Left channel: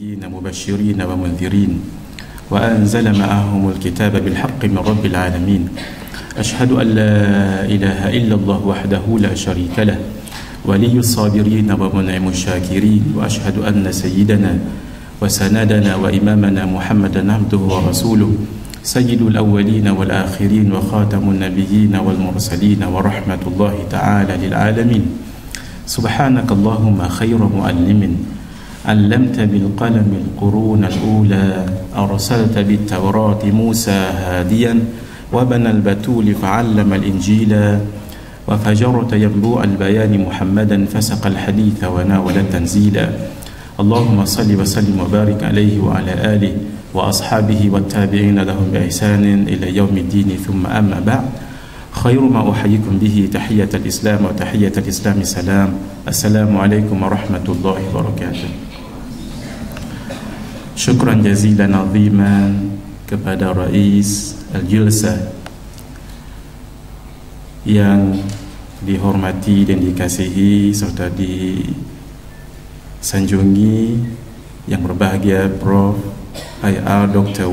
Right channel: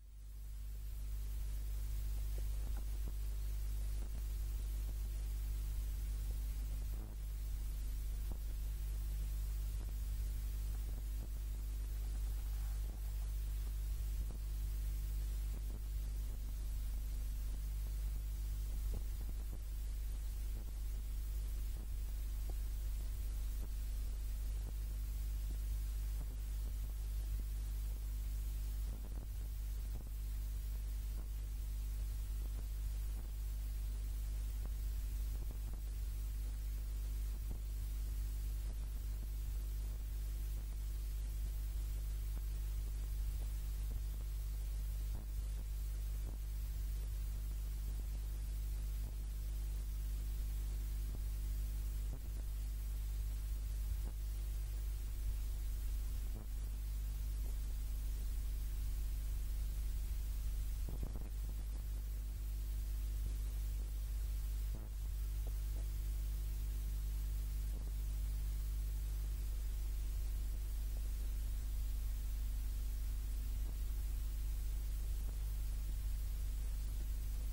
نبيين مبشرين ومنذرين وأنزل معهم الكتاب بالحق من رب العالمين أشهد أن لا إله إلا الله وحده لا شريك له ولي الصابرين ومنعم الشاكرين وأشهد أن سيدنا وسندنا وإمامنا محمدا عبده ورسوله سيد الأولين والآخرين وخاتم النبيين والمرسلين ورحمة الله تعالى للعالمين سبحانك اللهم خير معلم علمت بالقلم القرون الأولى أرسلت بالتوراة موسى هاديا وبنى البتول فعلم الإنجيل وفجرت ينبوع البيان محمدا فسق الحديث وناول التنزيل اللهم صل وسلم وبارك عليه وعلى آله وأصحابه والتابعين لهم بإحسان إلى يوم الدين ثم أما بعد خير ما أحييكم به تحية الإسلام وتحية الإسلام السلام السلام عليكم ورحمة الله وبركاته. Syukran jazilan aziman kepada Rais Al-Jilsah yang dihormati dan dikasihi serta disanjungi yang berbahagia Prof. IR Dr.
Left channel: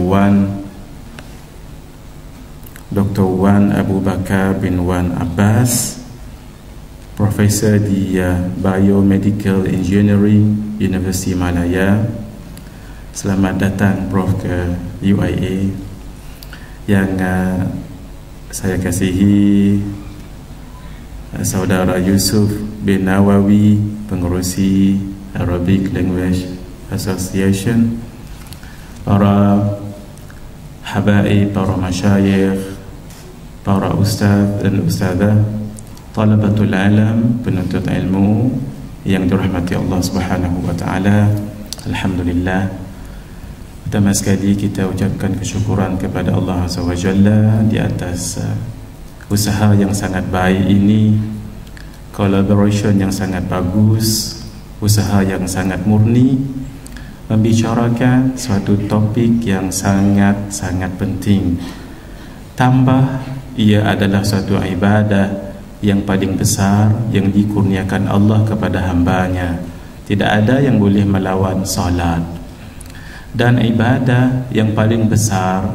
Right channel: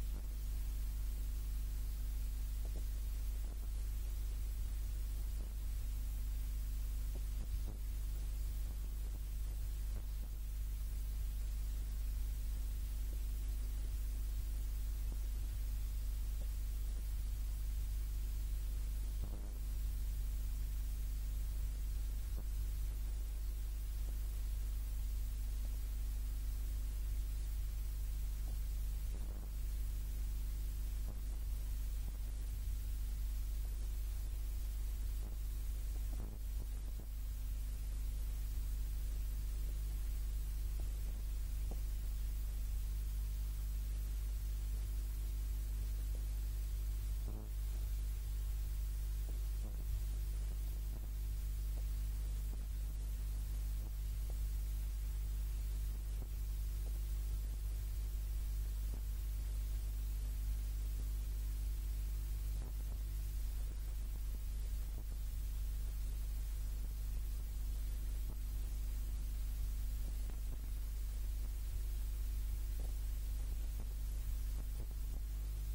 Wan Abu Bakar bin Wan Abbas, Profesor di Biomedical Engineering University Malaya. Selamat datang Prof ke UIA. Yang saya kasihi Saudara Yusuf bin Nawawi, pengerusi Arabic Language Association, para habaib, para masyayikh, para ustaz dan ustazah, talabatul alam, penuntut ilmu yang dirahmati Allah Subhanahu wa taala. Alhamdulillah, pertama sekali kita ucapkan kesyukuran kepada Allah Azza wa Jalla di atas usaha yang sangat baik ini, collaboration yang sangat bagus, usaha yang sangat murni, membicarakan suatu topik yang sangat-sangat penting. Tambah ia adalah suatu ibadah yang paling besar yang dikurniakan Allah kepada hambanya. Tidak ada yang boleh melawan salat. Dan ibadah yang paling besar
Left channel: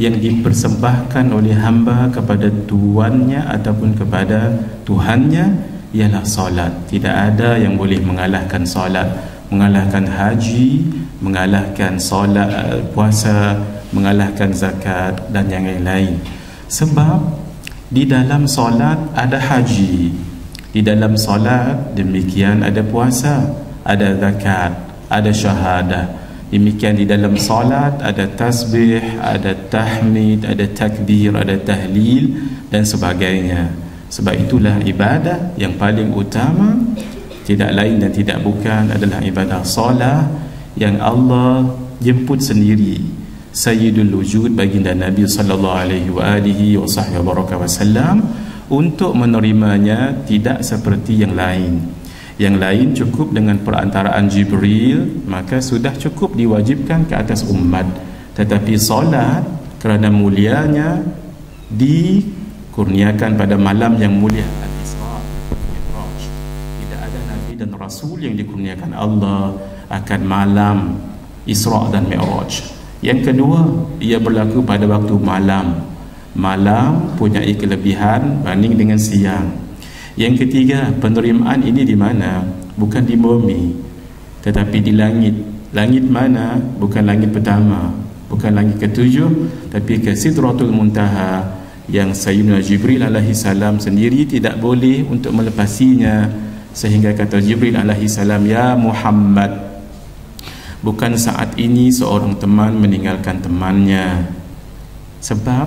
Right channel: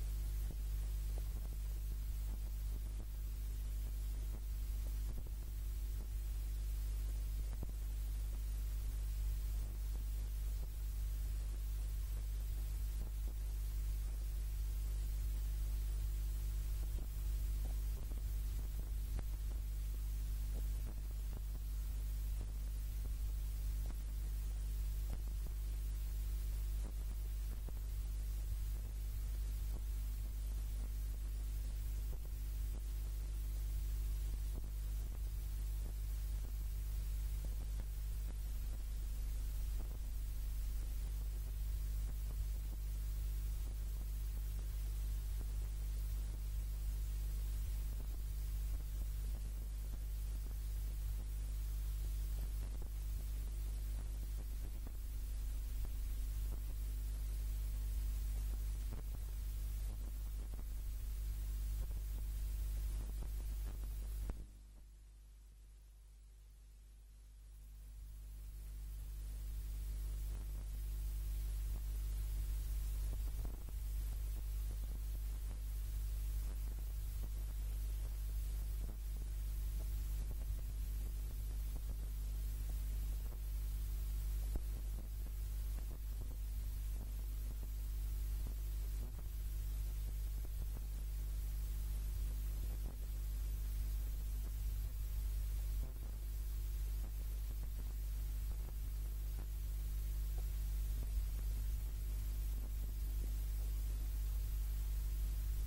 yang dipersembahkan oleh hamba kepada tuannya ataupun kepada Tuhannya ialah salat. Tidak ada yang boleh mengalahkan salat, mengalahkan haji, mengalahkan solat, puasa, mengalahkan zakat dan yang lain-lain. Sebab di dalam solat ada haji, di dalam solat demikian ada puasa, ada zakat, ada syahadah. Demikian di dalam solat ada tasbih, ada tahmid, ada takbir, ada tahlil dan sebagainya. Sebab itulah ibadah yang paling utama, tidak lain dan tidak bukan adalah ibadah solat yang Allah jemput sendiri Sayyidul Wujud baginda Nabi sallallahu alaihi wasallam untuk menerimanya, tidak seperti yang lain. Yang lain cukup dengan perantaraan Jibril, maka sudah cukup diwajibkan ke atas umat. Tetapi solat kerana mulianya dikurniakan pada malam yang mulia Al-Isra Mi'raj. Tidak ada Nabi dan Rasul yang dikurniakan Allah akan malam Isra dan Mi'raj. Yang kedua, ia berlaku pada waktu malam. Malam punya kelebihan banding dengan siang. Yang ketiga, penerimaan ini di mana? Bukan di bumi, tetapi di langit. Langit mana? Bukan langit pertama, bukan langit ketujuh, tapi ke Sidratul Muntaha yang Sayyidina Jibril alaihi salam sendiri tidak boleh untuk melepasinya. Sehingga kata Jibril alaihi salam, "Ya Muhammad, bukan saat ini seorang teman meninggalkan temannya." Sebab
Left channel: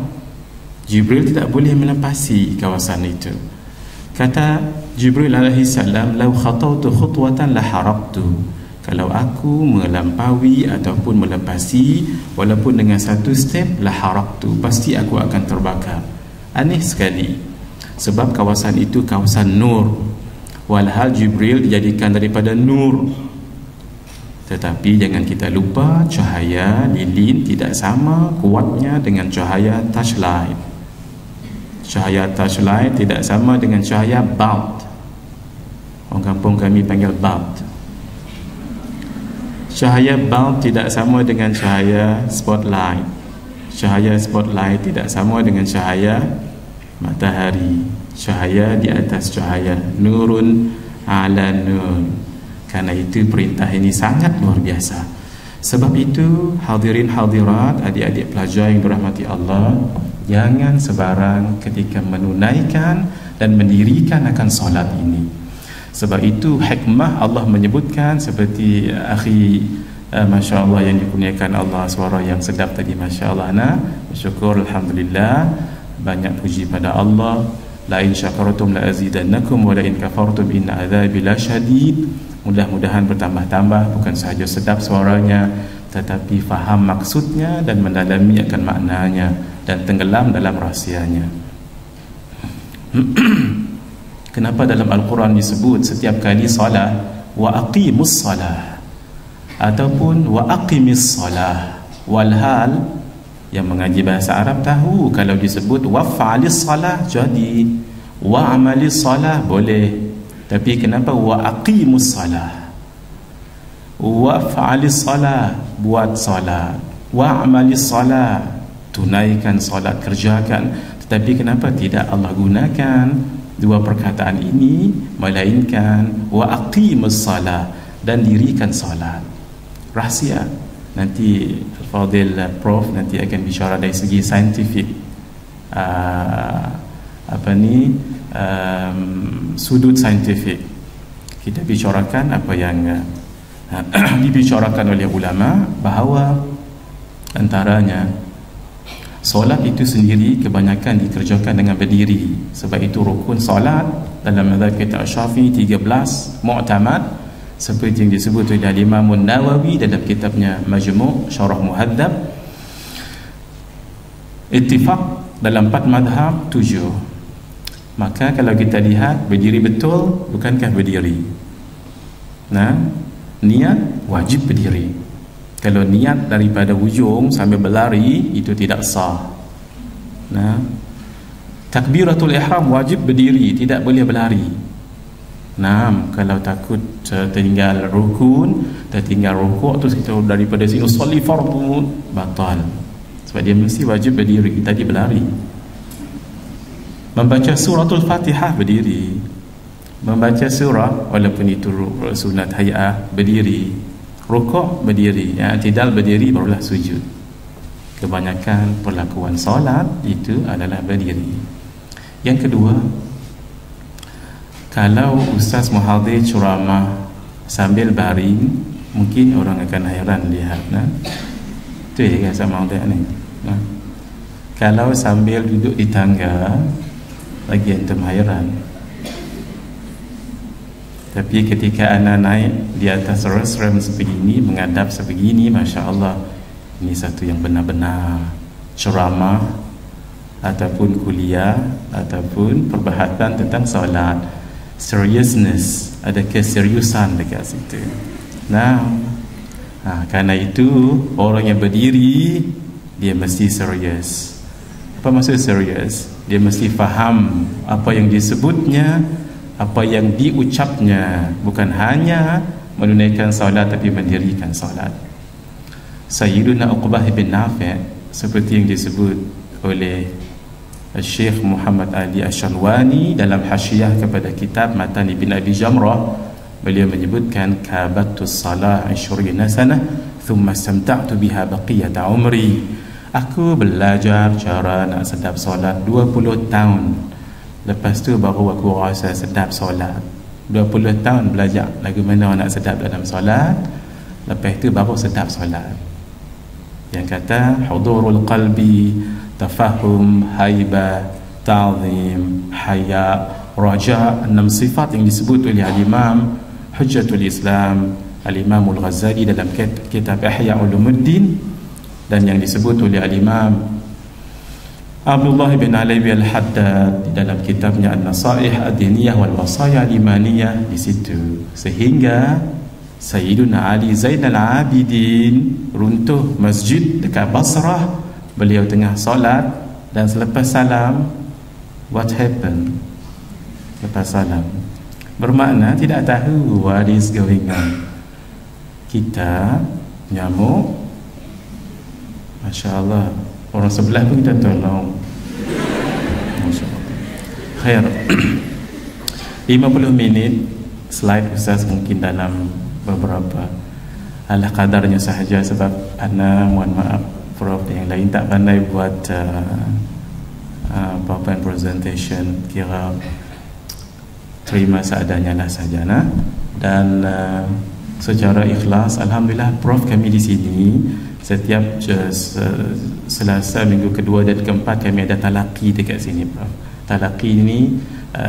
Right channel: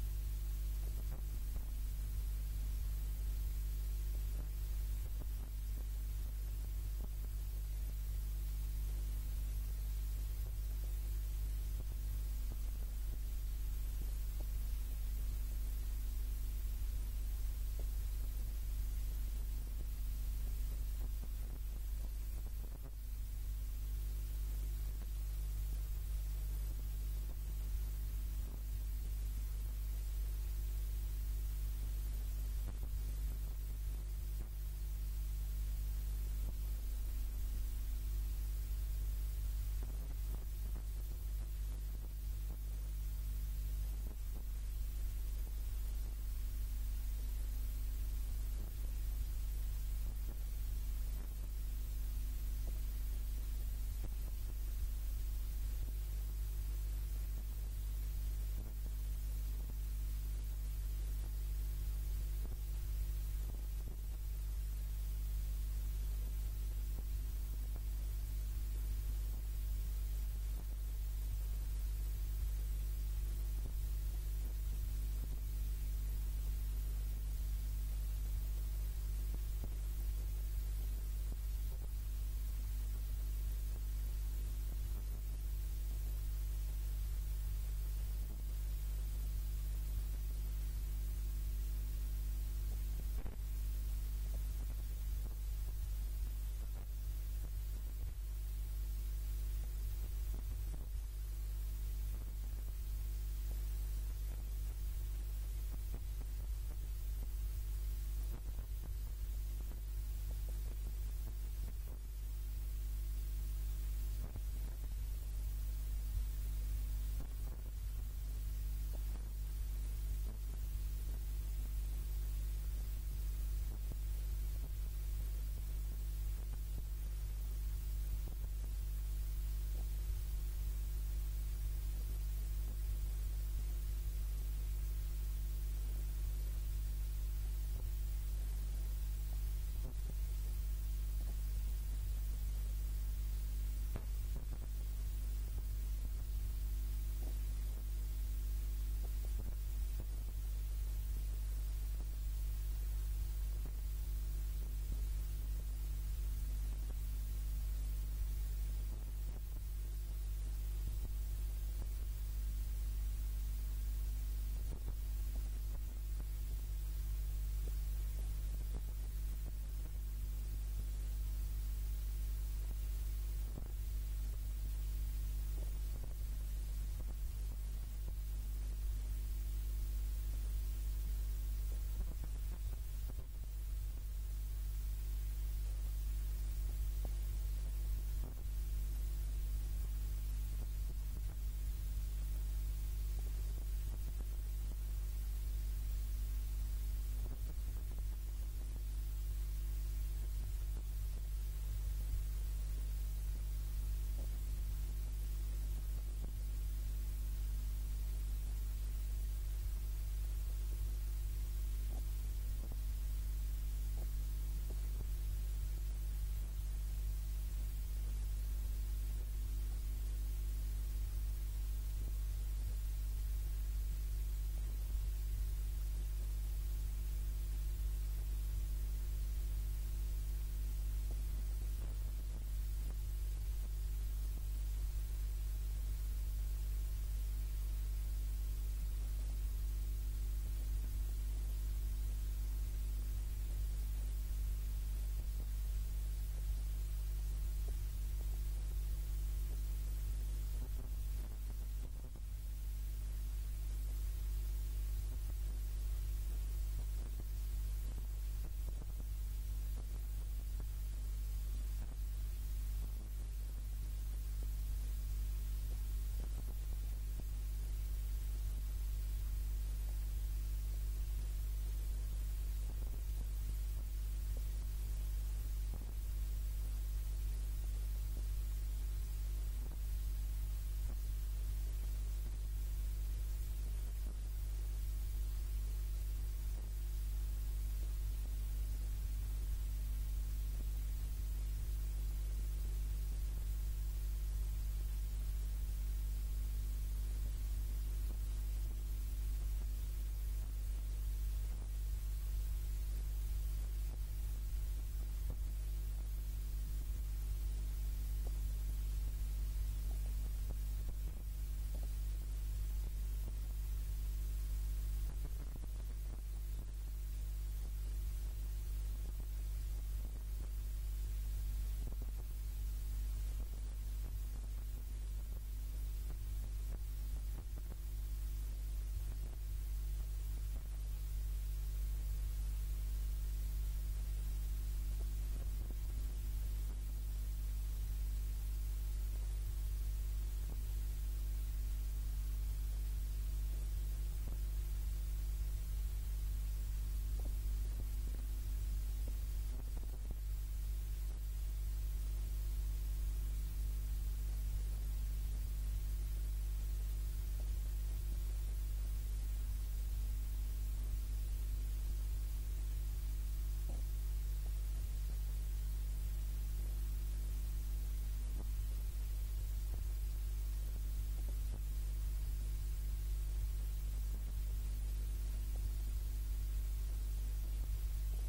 Jibril tidak boleh melepasi kawasan itu. Kata Jibril alaihi salam, "Lau khatautu khutwatan la haraqtu." Kalau aku melampaui ataupun melepasi walaupun dengan satu step, la haraqtu, pasti aku akan terbakar. Aneh sekali. Sebab kawasan itu kawasan nur. Walhal Jibril dijadikan daripada nur. Tetapi jangan kita lupa, cahaya lilin tidak sama kuatnya dengan cahaya touchlight. Cahaya touchlight tidak sama dengan cahaya bulb. Orang kampung kami panggil bulb. Cahaya bulb tidak sama dengan cahaya spotlight. Cahaya spotlight tidak sama dengan cahaya matahari. Cahaya di atas cahaya, nurun ala nur. Karena itu perintah ini sangat luar biasa. Sebab itu hadirin hadirat, adik-adik pelajar yang dirahmati Allah, jangan sebarang ketika menunaikan dan mendirikan akan solat ini. Sebab itu hikmah Allah menyebutkan seperti akhi Masya Allah yang dikurniakan Allah suara yang sedap tadi, Masya Allah. Bersyukur, Alhamdulillah, banyak puji pada Allah. La in syakartum la azidannakum wa la in kafartum inna adzabi lasyadid. Mudah-mudahan bertambah-tambah, bukan sahaja sedap suaranya, tetapi faham maksudnya dan mendalami akan maknanya dan tenggelam dalam rahsianya. Kenapa dalam Al-Quran disebut setiap kali salat wa aqimus salah ataupun wa aqimis salah? Walhal yang mengaji bahasa Arab tahu kalau disebut wa fa'alis salah jadi, wa amalis salah boleh, tapi kenapa wa aqimus salah? Wa fa'alis salah buat salat, wa amalis salah tunaikan salat, kerjakan. Tetapi kenapa tidak Allah gunakan dua perkataan ini, melainkan wa aqimus salah dan dirikan salat? Rahsia. Nanti Fadil Prof nanti akan bicara dari segi saintifik, sudut saintifik. Kita bicarakan apa yang dibicarakan oleh ulama, bahawa antaranya solat itu sendiri kebanyakan dikerjakan dengan berdiri. Sebab itu rukun solat dalam mazhab kita Syafi'i 13 mu'tamad, seperti yang disebut oleh Imam Nawawi dalam kitabnya Majmu' Syarah Muhadzab. Ittifaq dalam 4 mazhab 7. Maka kalau kita lihat berdiri betul, bukankah berdiri? Nah, niat wajib berdiri. Kalau niat daripada hujung sambil berlari, itu tidak sah. Nah, takbiratul ihram wajib berdiri, tidak boleh berlari. Nah, kalau takut tertinggal rukun, tertinggal rukuk, terus kita daripada sini solat fardu, batal. Sebab dia mesti wajib berdiri, tadi berlari. Membaca suratul Fatihah berdiri. Membaca surah walaupun itu sunat hay'ah berdiri. Rukuk berdiri, i'tidal berdiri, barulah sujud. Kebanyakan perlakuan solat itu adalah berdiri. Yang kedua, kalau Ustaz Muhadhir ceramah sambil baring, mungkin orang akan hairan lihat. Itu ya sama Muhadhir ni. Kalau sambil duduk di tangga, lagi antum hairan. Tapi ketika anak naik di atas rem sebegini, menghadap sebegini, Masya Allah, ini satu yang benar-benar ceramah ataupun kuliah ataupun perbahasan tentang solat. Seriousness, ada keseriusan dekat situ. Nah, karena itu orang yang berdiri dia mesti serius. Apa maksud serius? Dia mesti faham apa yang disebutnya, apa yang diucapnya, bukan hanya menunaikan solat tapi mendirikan solat. Sayyiduna Uqbah bin Nafi' seperti yang disebut oleh Syekh Muhammad Ali Ashanwani dalam hasyiah kepada kitab Matan Ibn Abi Jamrah, beliau menyebutkan kabatus salah 20 sanah thumma istamta'tu biha baqiyata umri. Aku belajar cara nak sedap solat 20 tahun. Lepas tu baru aku rasa sedap solat. 20 tahun belajar lagu mana nak sedap dalam solat. Lepas tu baru sedap solat. Yang kata hudurul qalbi, tafahum, haibah, ta'zim, haya, raja, 6 sifat yang disebut oleh Al-Imam Hujjatul Islam Al-Imam Al-Ghazali dalam kitab Ihya Ulumuddin, dan yang disebut oleh Al-Imam Abdullah bin Alawi Al-Haddad di dalam kitabnya An-Nasaih Ad-Diniyah wal Wasaya Al-Imaniyah di situ. Sehingga Sayyiduna Ali Zainal Abidin runtuh masjid dekat Basrah, beliau tengah solat, dan selepas salam, what happened? Lepas salam, bermakna tidak tahu what is going on. kita nyamuk. Masya Allah, orang sebelah pun kita tolong. Masya Allah. Khair. 50 minit slide Ustaz mungkin dalam beberapa ala kadarnya sahaja, sebab ana mohon maaf Prof yang lain tak pandai buat PowerPoint presentation, kira terima seadanya lah saja nah. Dan secara ikhlas alhamdulillah Prof kami di sini setiap Selasa minggu kedua dan keempat kami ada talaqi dekat sini Prof. Talaqi ini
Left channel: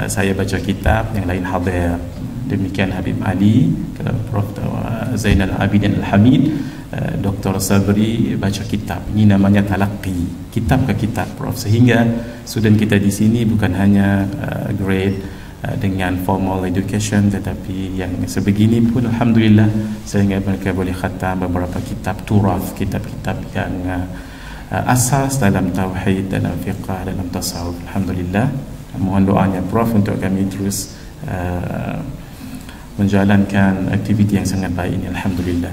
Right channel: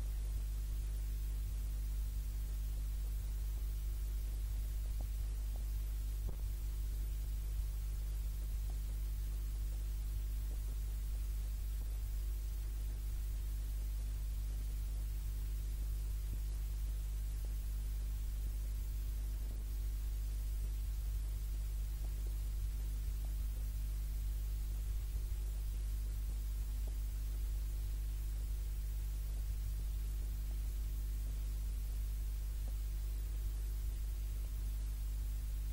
saya baca kitab, yang lain hadir. Demikian Habib Ali, Prof Zainal Abidin Al-Hamid, Dr. Sabri baca kitab. Ini namanya talaqi, kitab ke kitab Prof. Sehingga student kita di sini bukan hanya grade dengan formal education, tetapi yang sebegini pun alhamdulillah sehingga mereka boleh khatam beberapa kitab turaf, kitab-kitab yang asas dalam tauhid, dalam fiqh, dalam tasawuf. Alhamdulillah. Mohon doanya Prof untuk kami terus menjalankan aktiviti yang sangat baik ini, alhamdulillah.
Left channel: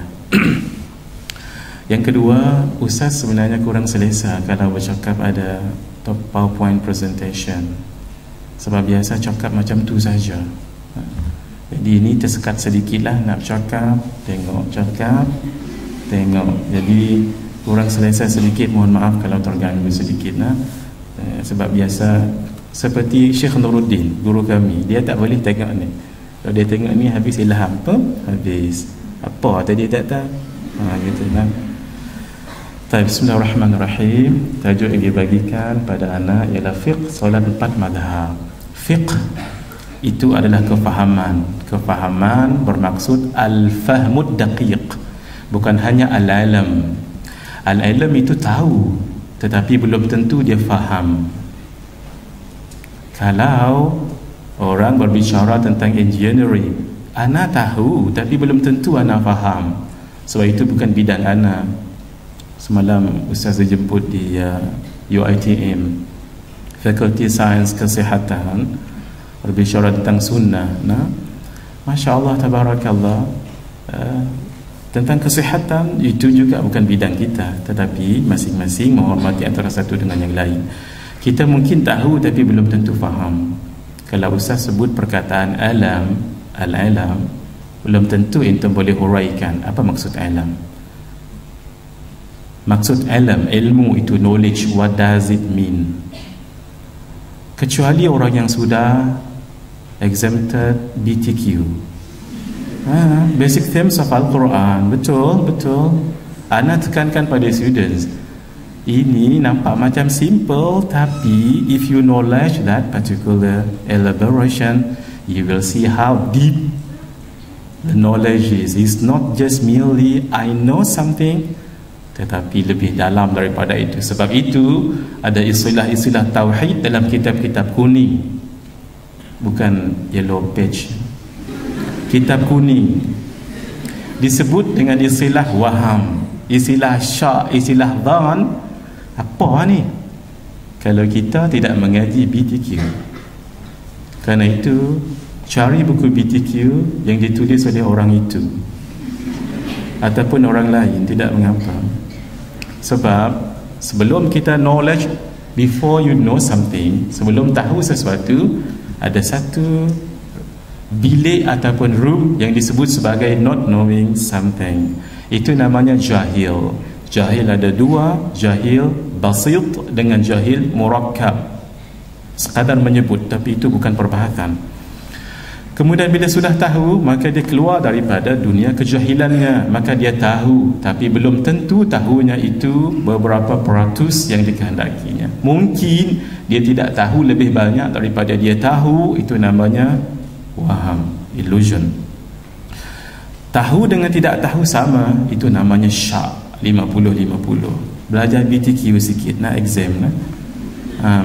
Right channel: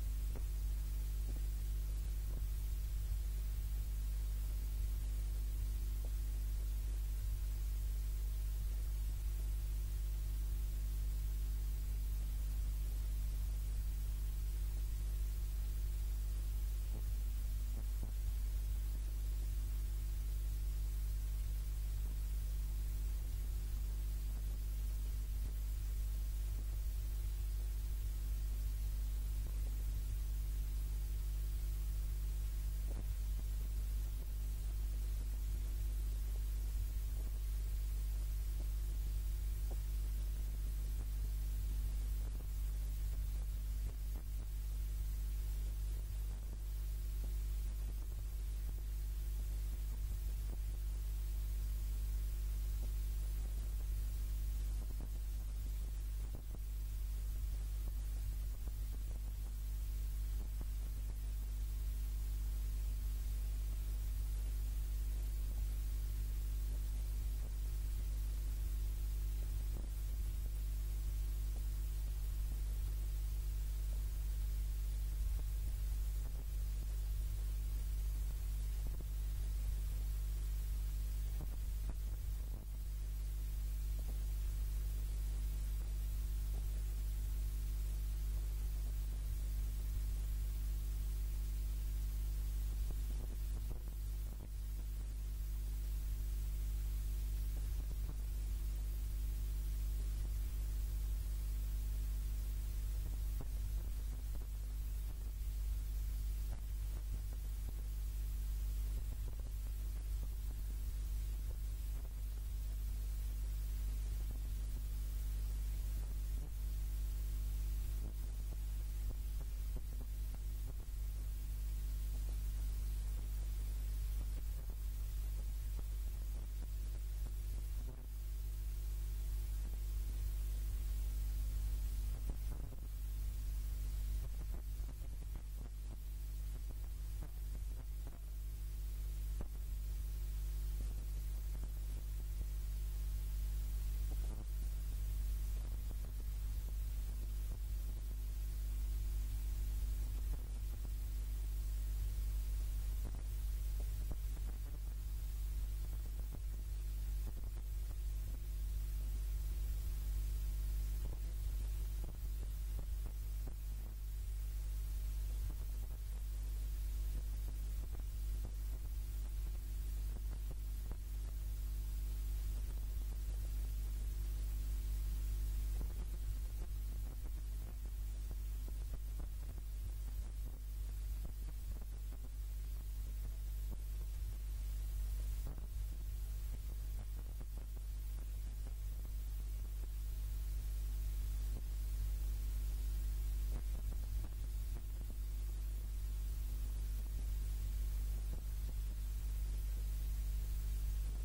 Yang kedua, Ustaz sebenarnya kurang selesa kalau bercakap ada PowerPoint presentation, sebab biasa cakap macam tu saja. Jadi ini tersekat sedikitlah nak cakap, tengok. Jadi kurang selesa sedikit, mohon maaf kalau terganggu sedikit nah. Sebab biasa seperti Syekh Nuruddin, guru kami, dia tak boleh tengok ni. Kalau dia tengok ni habis ilham apa? Habis. Apa tadi tak tahu. Gitu kan. Bismillahirrahmanirrahim. Tajuk yang dibagikan pada anak ialah fiqh solat 4 madhab. Fiqh itu adalah kefahaman. Kefahaman bermaksud al-fahmud daqiq, bukan hanya al-ilm. Al-ilm itu tahu, tetapi belum tentu dia faham. Kalau orang berbicara tentang engineering, ana tahu tapi belum tentu ana faham, sebab itu bukan bidang ana. Semalam Ustaz jemput di UiTM, Fakulti Sains Kesihatan, berbicara tentang sunnah. Nah, Masya Allah, tabarakallah, tentang kesihatan itu juga bukan bidang kita, tetapi masing-masing menghormati antara satu dengan yang lain. Kita mungkin tahu tapi belum tentu faham. Kalau Ustaz sebut perkataan alam, al-alam, belum tentu intum boleh huraikan apa maksud alam. Maksud alam, ilmu itu knowledge, what does it mean? Kecuali orang yang sudah exempted BTQ, basic themes of Al-Quran. Betul. Ana tekankan pada students, ini nampak macam simple, tapi if you knowledge that particular elaboration, you will see how deep the knowledge is. It's not just merely I know something, tetapi lebih dalam daripada itu. Sebab itu ada istilah-istilah tauhid dalam kitab-kitab kuning, bukan yellow page. Kitab kuning disebut dengan istilah waham, istilah syak, istilah dhan. Apa ni? Kalau kita tidak mengaji BTQ. Kerana itu cari buku BTQ yang ditulis oleh orang itu ataupun orang lain, tidak mengapa. Sebab sebelum kita knowledge, before you know something, sebelum tahu sesuatu, ada satu bilik ataupun room yang disebut sebagai not knowing something. Itu namanya jahil. Jahil ada dua, jahil basit dengan jahil murakkab. Sekadar menyebut, tapi itu bukan perbahasan. Kemudian bila sudah tahu, maka dia keluar daripada dunia kejahilannya. Maka dia tahu, tapi belum tentu tahunya itu beberapa peratus yang dikehendakinya. Mungkin dia tidak tahu lebih banyak daripada dia tahu. Itu namanya waham, illusion. Tahu dengan tidak tahu sama, itu namanya syak. 50-50. Belajar BTQ sikit nak exam lah.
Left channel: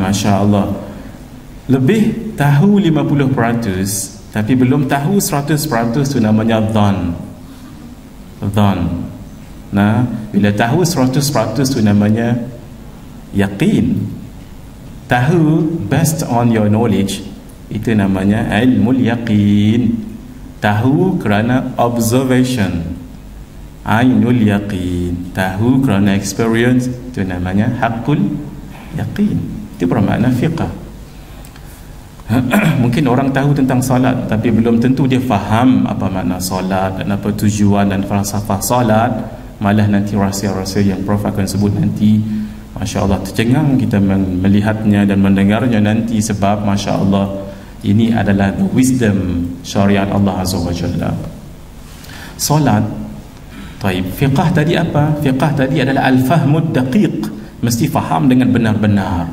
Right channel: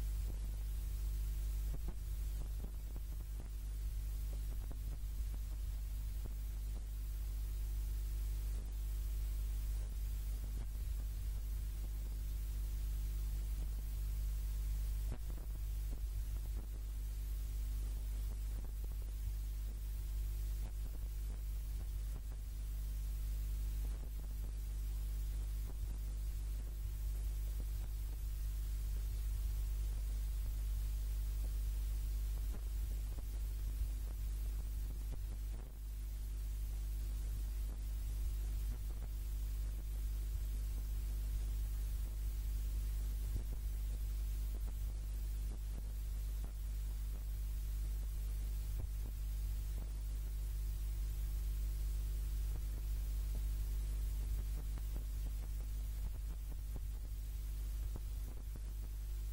Masya Allah, lebih tahu 50%, tapi belum tahu 100%, itu namanya dhan. Nah, bila tahu 100%, itu namanya yakin. Tahu based on your knowledge, itu namanya ilmul yaqin. Tahu kerana observation. ainul yaqin. Tahu kerana experience, itu namanya haqqul yaqin. Itu bermakna fiqh. Mungkin orang tahu tentang solat, tapi belum tentu dia faham apa makna solat dan apa tujuan dan falsafah solat. Malah nanti rahsia-rahsia yang Prof akan sebut nanti, Masya Allah, tercengang kita melihatnya dan mendengarnya nanti. Sebab Masya Allah, ini adalah the wisdom syariat Allah Azza wa Jalla. Solat, taib. Fiqh tadi apa? Fiqh tadi adalah al-fahmud daqiq, mesti faham dengan benar-benar.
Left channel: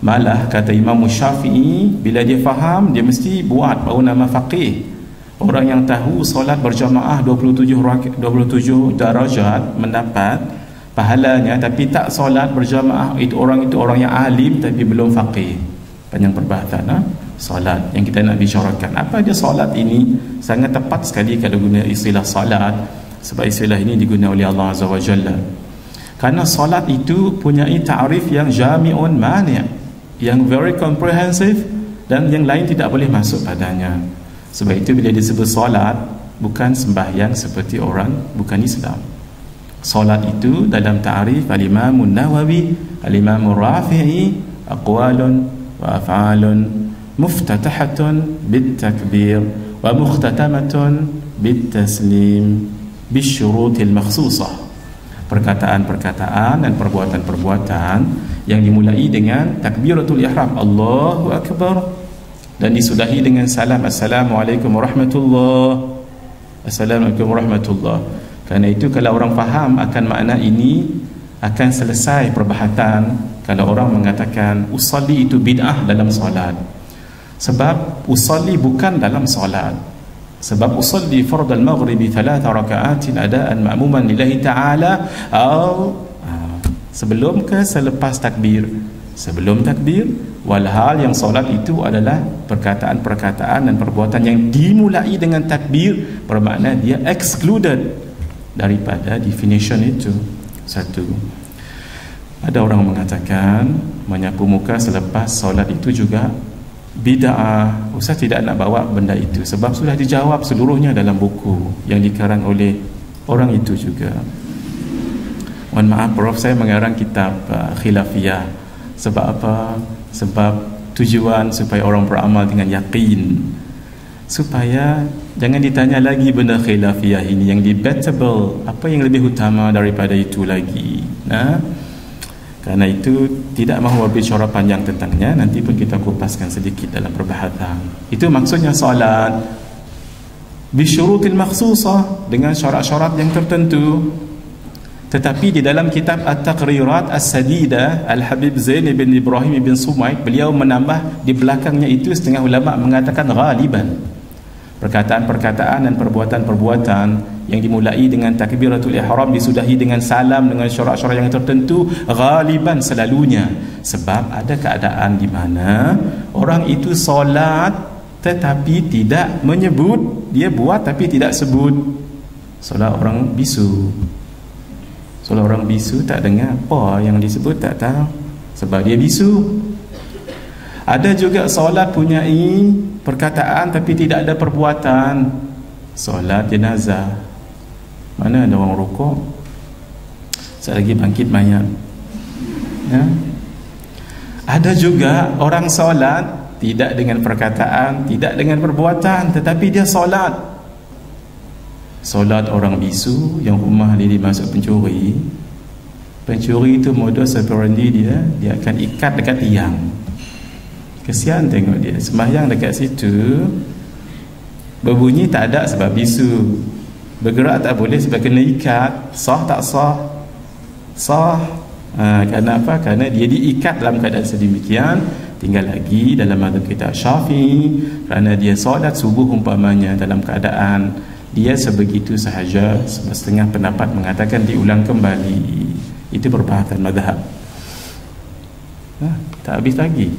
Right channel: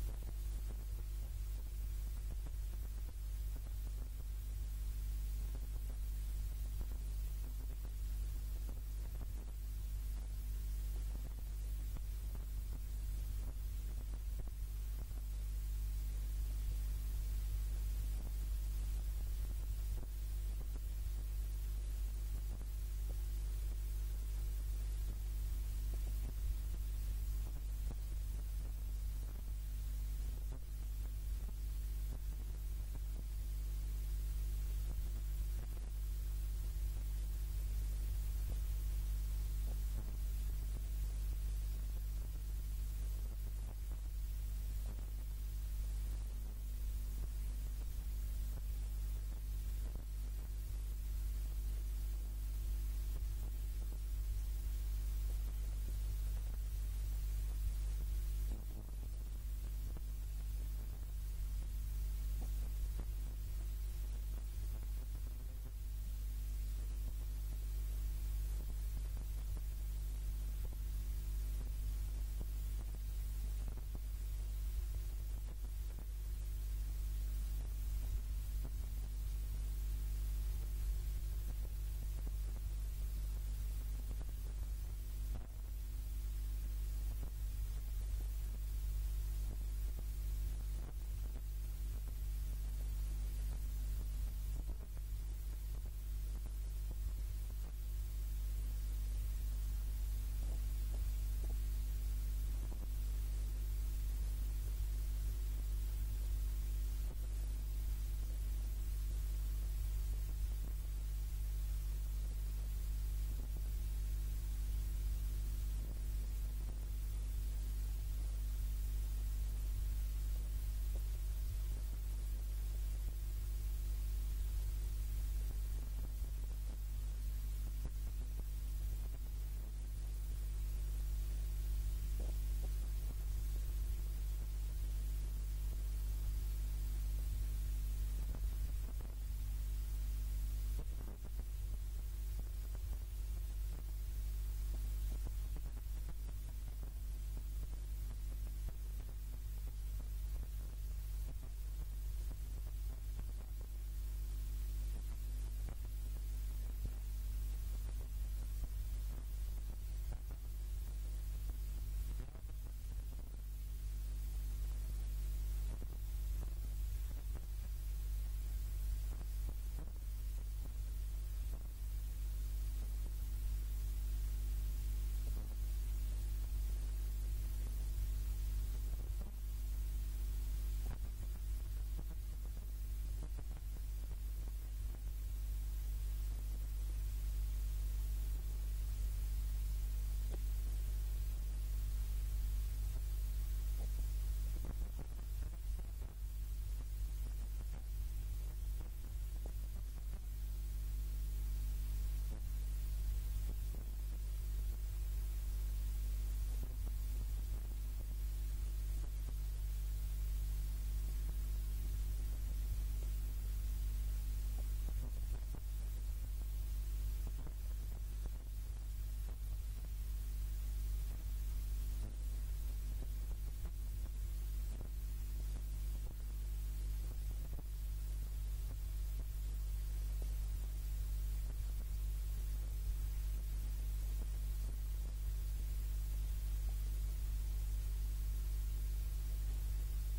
Malah kata Imam Syafi'i, bila dia faham, dia mesti buat, baru nama faqih. Orang yang tahu solat berjamaah 27 darajat mendapat pahalanya, tapi tak solat berjamaah, itu orang yang alim tapi belum faqih. Panjang perbahasan solat yang kita nak bicarakan. Apa dia solat ini? Sangat tepat sekali kalau guna istilah solat, sebab istilah ini digunakan oleh Allah Azza wa Jalla. Karena solat itu punyai ta'rif yang jami'un mani', yang very comprehensive, dan yang lain tidak boleh masuk padanya. Sebab itu bila disebut solat, bukan sembahyang seperti orang bukan Islam. Solat itu dalam ta'rif al-Imam Nawawi, al-Imam Rafi'i, aqwalun wa af'alun muftatahatun bit-takbir wa mukhtatamatun bit-taslim bisyurutil makhsusah. Perkataan-perkataan dan perbuatan-perbuatan yang dimulai dengan takbiratul ihram, Allahu Akbar, dan disudahi dengan salam, Assalamualaikum warahmatullahi, Assalamualaikum warahmatullahi. Kerana itu kalau orang faham akan makna ini, akan selesai perbahasan kalau orang mengatakan usalli itu bid'ah dalam solat. Sebab usalli bukan dalam solat. Sebab usalli fard al-maghribi 3 raka'atin adaan ma'muman lillahi ta'ala, sebelum ke selepas takbir? Sebelum takbir. Walhal yang solat itu adalah perkataan-perkataan dan perbuatan yang dimulai dengan takbir, bermakna dia excluded daripada definition itu. Satu. Ada orang mengatakan menyapu muka selepas solat itu juga bid'ah. Ustaz tidak nak bawa benda itu sebab sudah dijawab seluruhnya dalam buku yang dikarang oleh orang itu juga. Mohon maaf Prof, saya mengarang kitab khilafiyah. Sebab apa? Sebab tujuan supaya orang beramal dengan yakin, supaya jangan ditanya lagi benda khilafiyah ini yang debatable, apa yang lebih utama daripada itu lagi. Karena itu tidak mahu berbicara panjang tentangnya, nanti pun kita kupaskan sedikit dalam perbahasan. Itu maksudnya solat bisyurutil makhsusah, dengan syarat-syarat yang tertentu. Tetapi di dalam kitab At-Taqrirat As-Sadidah, Al-Habib Zain bin Ibrahim bin Sumaid, beliau menambah di belakangnya itu, setengah ulama mengatakan ghaliban, perkataan-perkataan dan perbuatan-perbuatan yang dimulai dengan takbiratul ihram, disudahi dengan salam, dengan syarat-syarat yang tertentu, ghaliban, selalunya. Sebab ada keadaan di mana orang itu solat tetapi tidak menyebut, dia buat tapi tidak sebut. Solat orang bisu, solat orang bisu tak dengar apa yang disebut, tak tahu sebab dia bisu. Ada juga solat punyai perkataan tapi tidak ada perbuatan. Solat jenazah, mana ada orang rukuk, sekali lagi bangkit mayat, ya. Ada juga orang solat tidak dengan perkataan, tidak dengan perbuatan, tetapi dia solat. Solat orang bisu yang rumah dia dimasuk pencuri. Pencuri itu modus operandi dia akan ikat dekat tiang. Kesian tengok dia sembahyang dekat situ, berbunyi tak ada sebab bisu, bergerak tak boleh sebab kena ikat. Sah tak sah? Sah. Kerana apa? Kerana dia diikat dalam keadaan sedemikian. Tinggal lagi dalam mazhab kita Syafi'i, kerana dia solat subuh umpamanya dalam keadaan dia sebegitu sahaja, setengah pendapat mengatakan diulang kembali. Itu perbahasan mazhab. Tak habis lagi.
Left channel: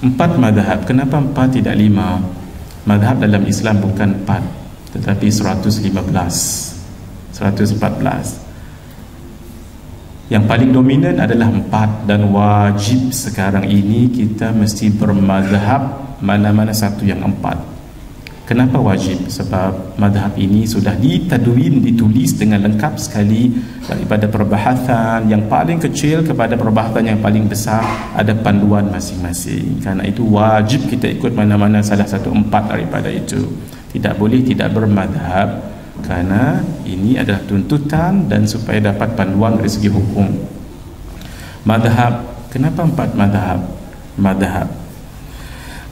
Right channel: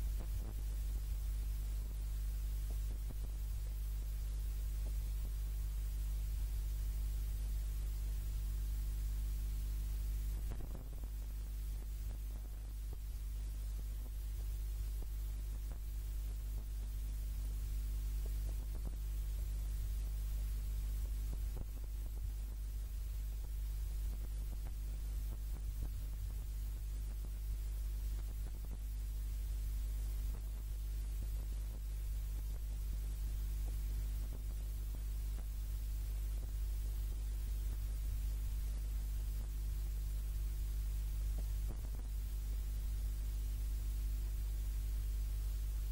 4 mazhab. Kenapa 4 tidak 5? Mazhab dalam Islam bukan 4 tetapi 115, 114. Yang paling dominan adalah 4, dan wajib sekarang ini kita mesti bermazhab mana-mana satu yang 4. Kenapa wajib? Sebab madhab ini sudah ditadwin, ditulis dengan lengkap sekali, daripada perbahasan yang paling kecil kepada perbahasan yang paling besar, ada panduan masing-masing. Karena itu wajib kita ikut mana-mana salah satu 4 daripada itu. Tidak boleh tidak bermadhab, karena ini adalah tuntutan dan supaya dapat panduan dari segi hukum. Madhab, kenapa 4 madhab?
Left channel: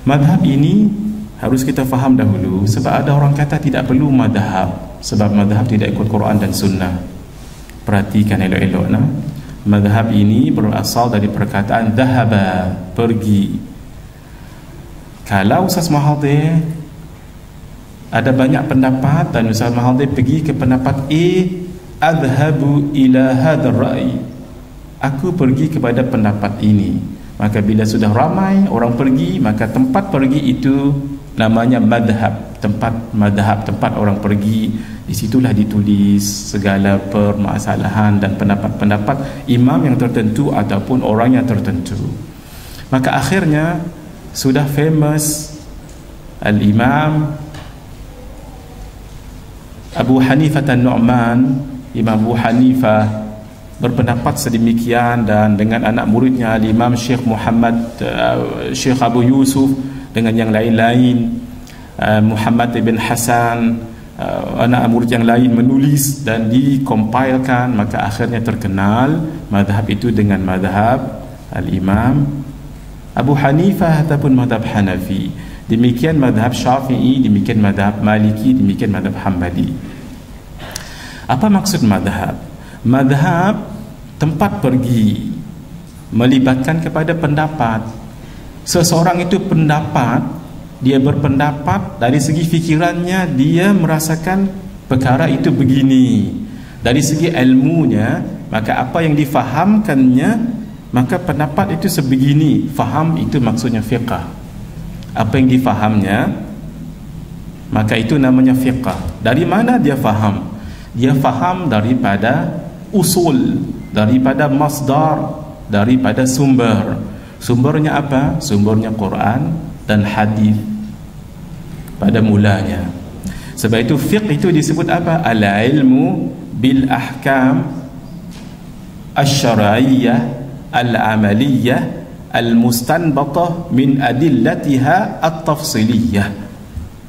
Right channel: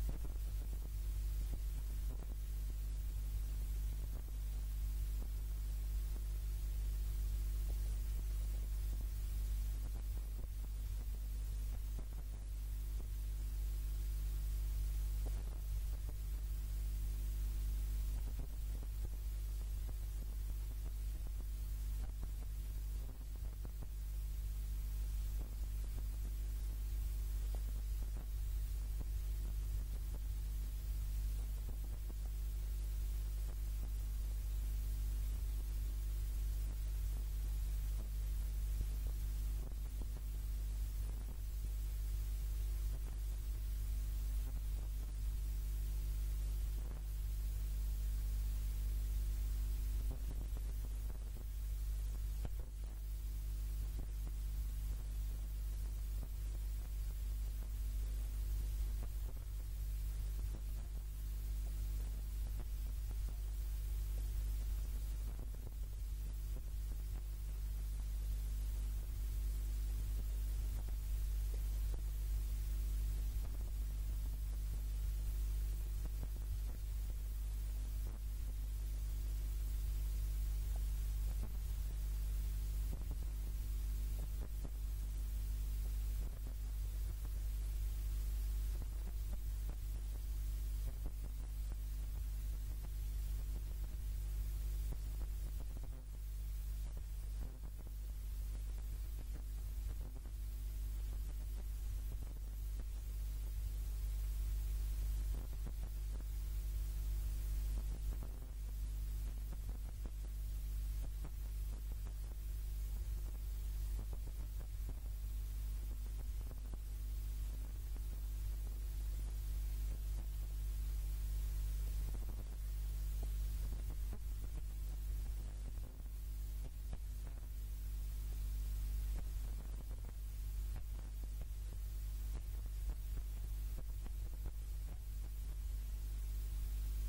Madhab ini harus kita faham dahulu, sebab ada orang kata tidak perlu madhab, sebab madhab tidak ikut Quran dan Sunnah. Perhatikan elok-elok, nah. Madhab ini berasal dari perkataan dhahaba, pergi. Kalau Ustaz Mahathir ada banyak pendapat dan Ustaz Mahathir pergi ke pendapat A, adhabu ila hadzal ra'i, aku pergi kepada pendapat ini, maka bila sudah ramai orang pergi, maka tempat pergi itu namanya madhab, tempat orang pergi. Disitulah ditulis segala permasalahan dan pendapat-pendapat imam yang tertentu ataupun orang yang tertentu. Maka akhirnya sudah famous Al-Imam Abu Hanifah An-Nu'man. Imam Abu Hanifah berpendapat sedemikian, dan dengan anak muridnya Imam Syekh Muhammad, Syekh Abu Yusuf, dengan yang lain-lain, Muhammad ibn Hasan, anak murid yang lain menulis dan dikompilkan, maka akhirnya terkenal madhab itu dengan madhab Al-Imam Abu Hanifah ataupun madhab Hanafi. Demikian madhab Syafi'i, demikian madhab Maliki, demikian madhab Hambali. Apa maksud madhab? Madhab tempat pergi, melibatkan kepada pendapat. Seseorang itu pendapat, dia berpendapat dari segi fikirannya, dia merasakan perkara itu begini. Dari segi ilmunya, maka apa yang difahamkannya, maka pendapat itu sebegini. Faham itu maksudnya fiqh. Apa yang difahamnya, maka itu namanya fiqh. Dari mana dia faham? Dia faham daripada usul, daripada masdar, daripada sumber. Sumbernya apa? Sumbernya Quran dan hadis pada mulanya. Sebab itu fiqh itu disebut apa? Al-ilmu bil ahkam asy-syar'iyyah al-amaliyah al-mustanbatah min adillatiha at-tafsiliyah.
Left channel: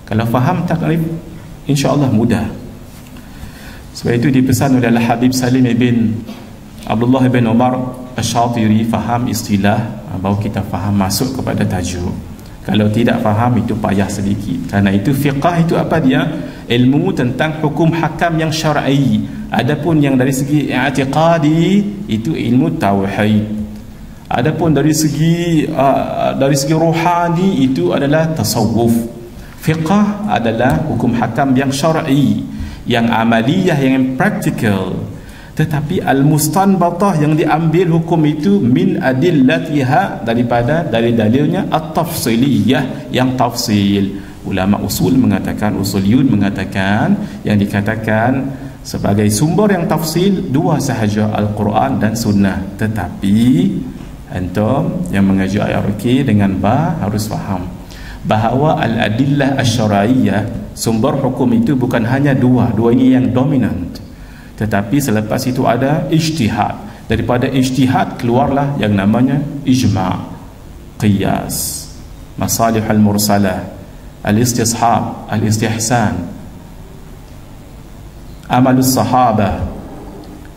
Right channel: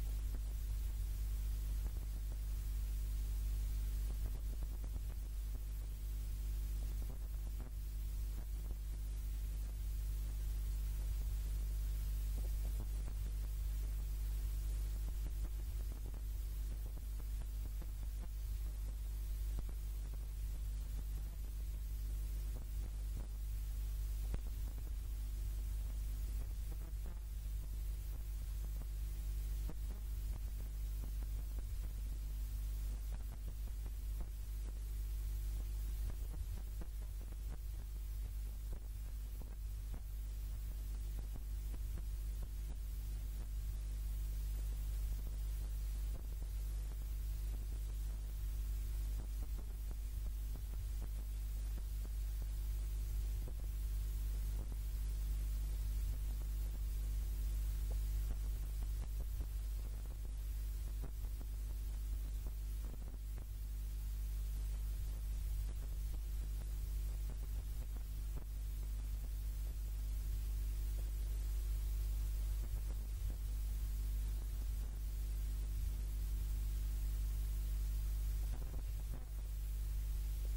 Kalau faham takrif, insya-Allah mudah. Sebab itu dipesan oleh Al-Habib Salim ibn Abdullah bin Umar Asy-Syatiri, faham istilah baru kita faham masuk kepada tajuk. Kalau tidak faham itu payah sedikit. Karena itu fiqh itu apa dia? Ilmu tentang hukum hakam yang syar'i. Adapun yang dari segi i'tiqadi itu ilmu tauhid. Adapun dari segi rohani itu adalah tasawuf. Fiqh adalah hukum hakam yang syar'i, yang amaliyah, yang praktikal. Tetapi al-mustanbatah yang diambil hukum itu min adillatiha, daripada dari dalilnya at-tafsiliyah, yang tafsil. Ulama usul mengatakan, usuliyun mengatakan, yang dikatakan sebagai sumber yang tafsil dua sahaja, Al-Quran dan Sunnah. Tetapi antum yang mengaji IRK dengan harus faham bahawa al-adillah asy-syar'iyyah, sumber hukum itu bukan hanya dua ini yang dominant. Tetapi selepas itu ada ijtihad. Daripada ijtihad keluarlah yang namanya ijma', qiyas, masalih al-mursalah, al-istishab, al-istihsan, amalus sahabah,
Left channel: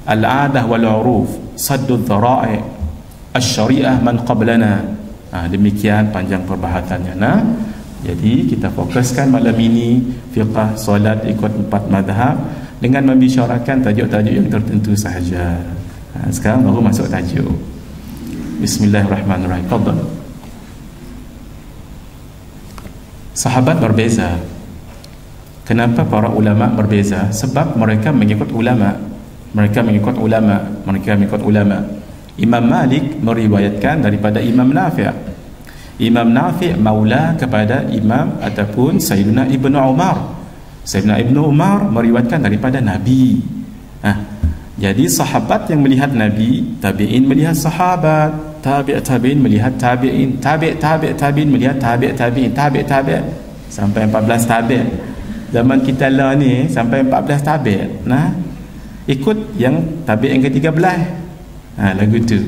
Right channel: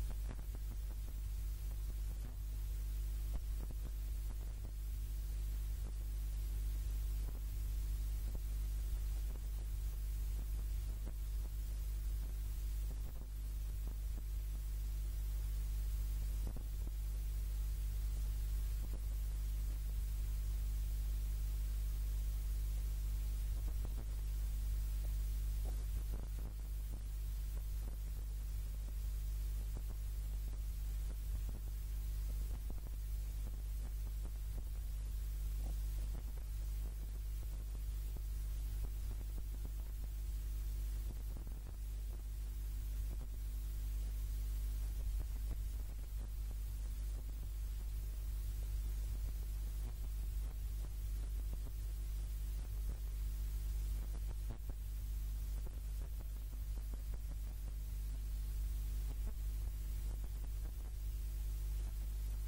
al-adah wal-uruf, saddud dhara'i, asy-syari'ah man qablana. Demikian panjang perbahasannya. Jadi kita fokuskan malam ini fiqh solat ikut 4 madhab dengan membicarakan tajuk-tajuk yang tertentu sahaja. Sekarang baru masuk tajuk. Bismillahirrahmanirrahim. Fadhal. Sahabat berbeza. Kenapa para ulama berbeza? Sebab mereka mengikut ulama. Imam Malik meriwayatkan daripada Imam Nafi'. Imam Nafi' maula kepada Imam ataupun Sayyidina Ibnu Umar. Sayyidina Ibnu Umar meriwayatkan daripada Nabi. Jadi sahabat yang melihat Nabi, tabi'in melihat sahabat, tabi'in melihat tabi'in, tabi'in melihat tabi'in, tabi'in sampai 14 tabik. Zaman kita lah ni sampai 14 tabik. Nah, ikut yang tabik yang ke-13. Lagu tu.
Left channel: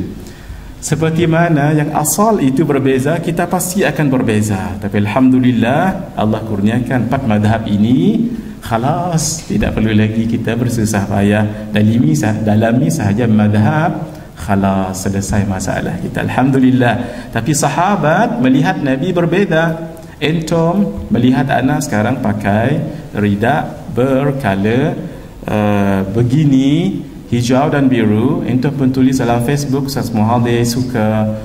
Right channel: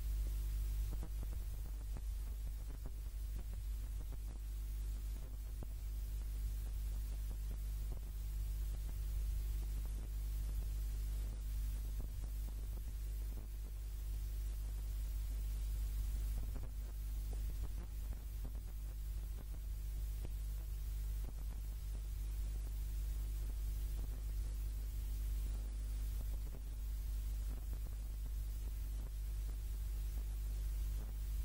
Seperti mana yang asal itu berbeza, kita pasti akan berbeza. Tapi alhamdulillah Allah kurniakan 4 mazhab ini, khalas, tidak perlu lagi kita bersusah payah dalami sahaja mazhab, khalas, selesai masalah kita, alhamdulillah. Tapi sahabat melihat Nabi berbeza. Entom melihat anak sekarang pakai rida berkala begini, hijau dan biru. Entom pun tulis dalam Facebook, Ustaz Muhadir suka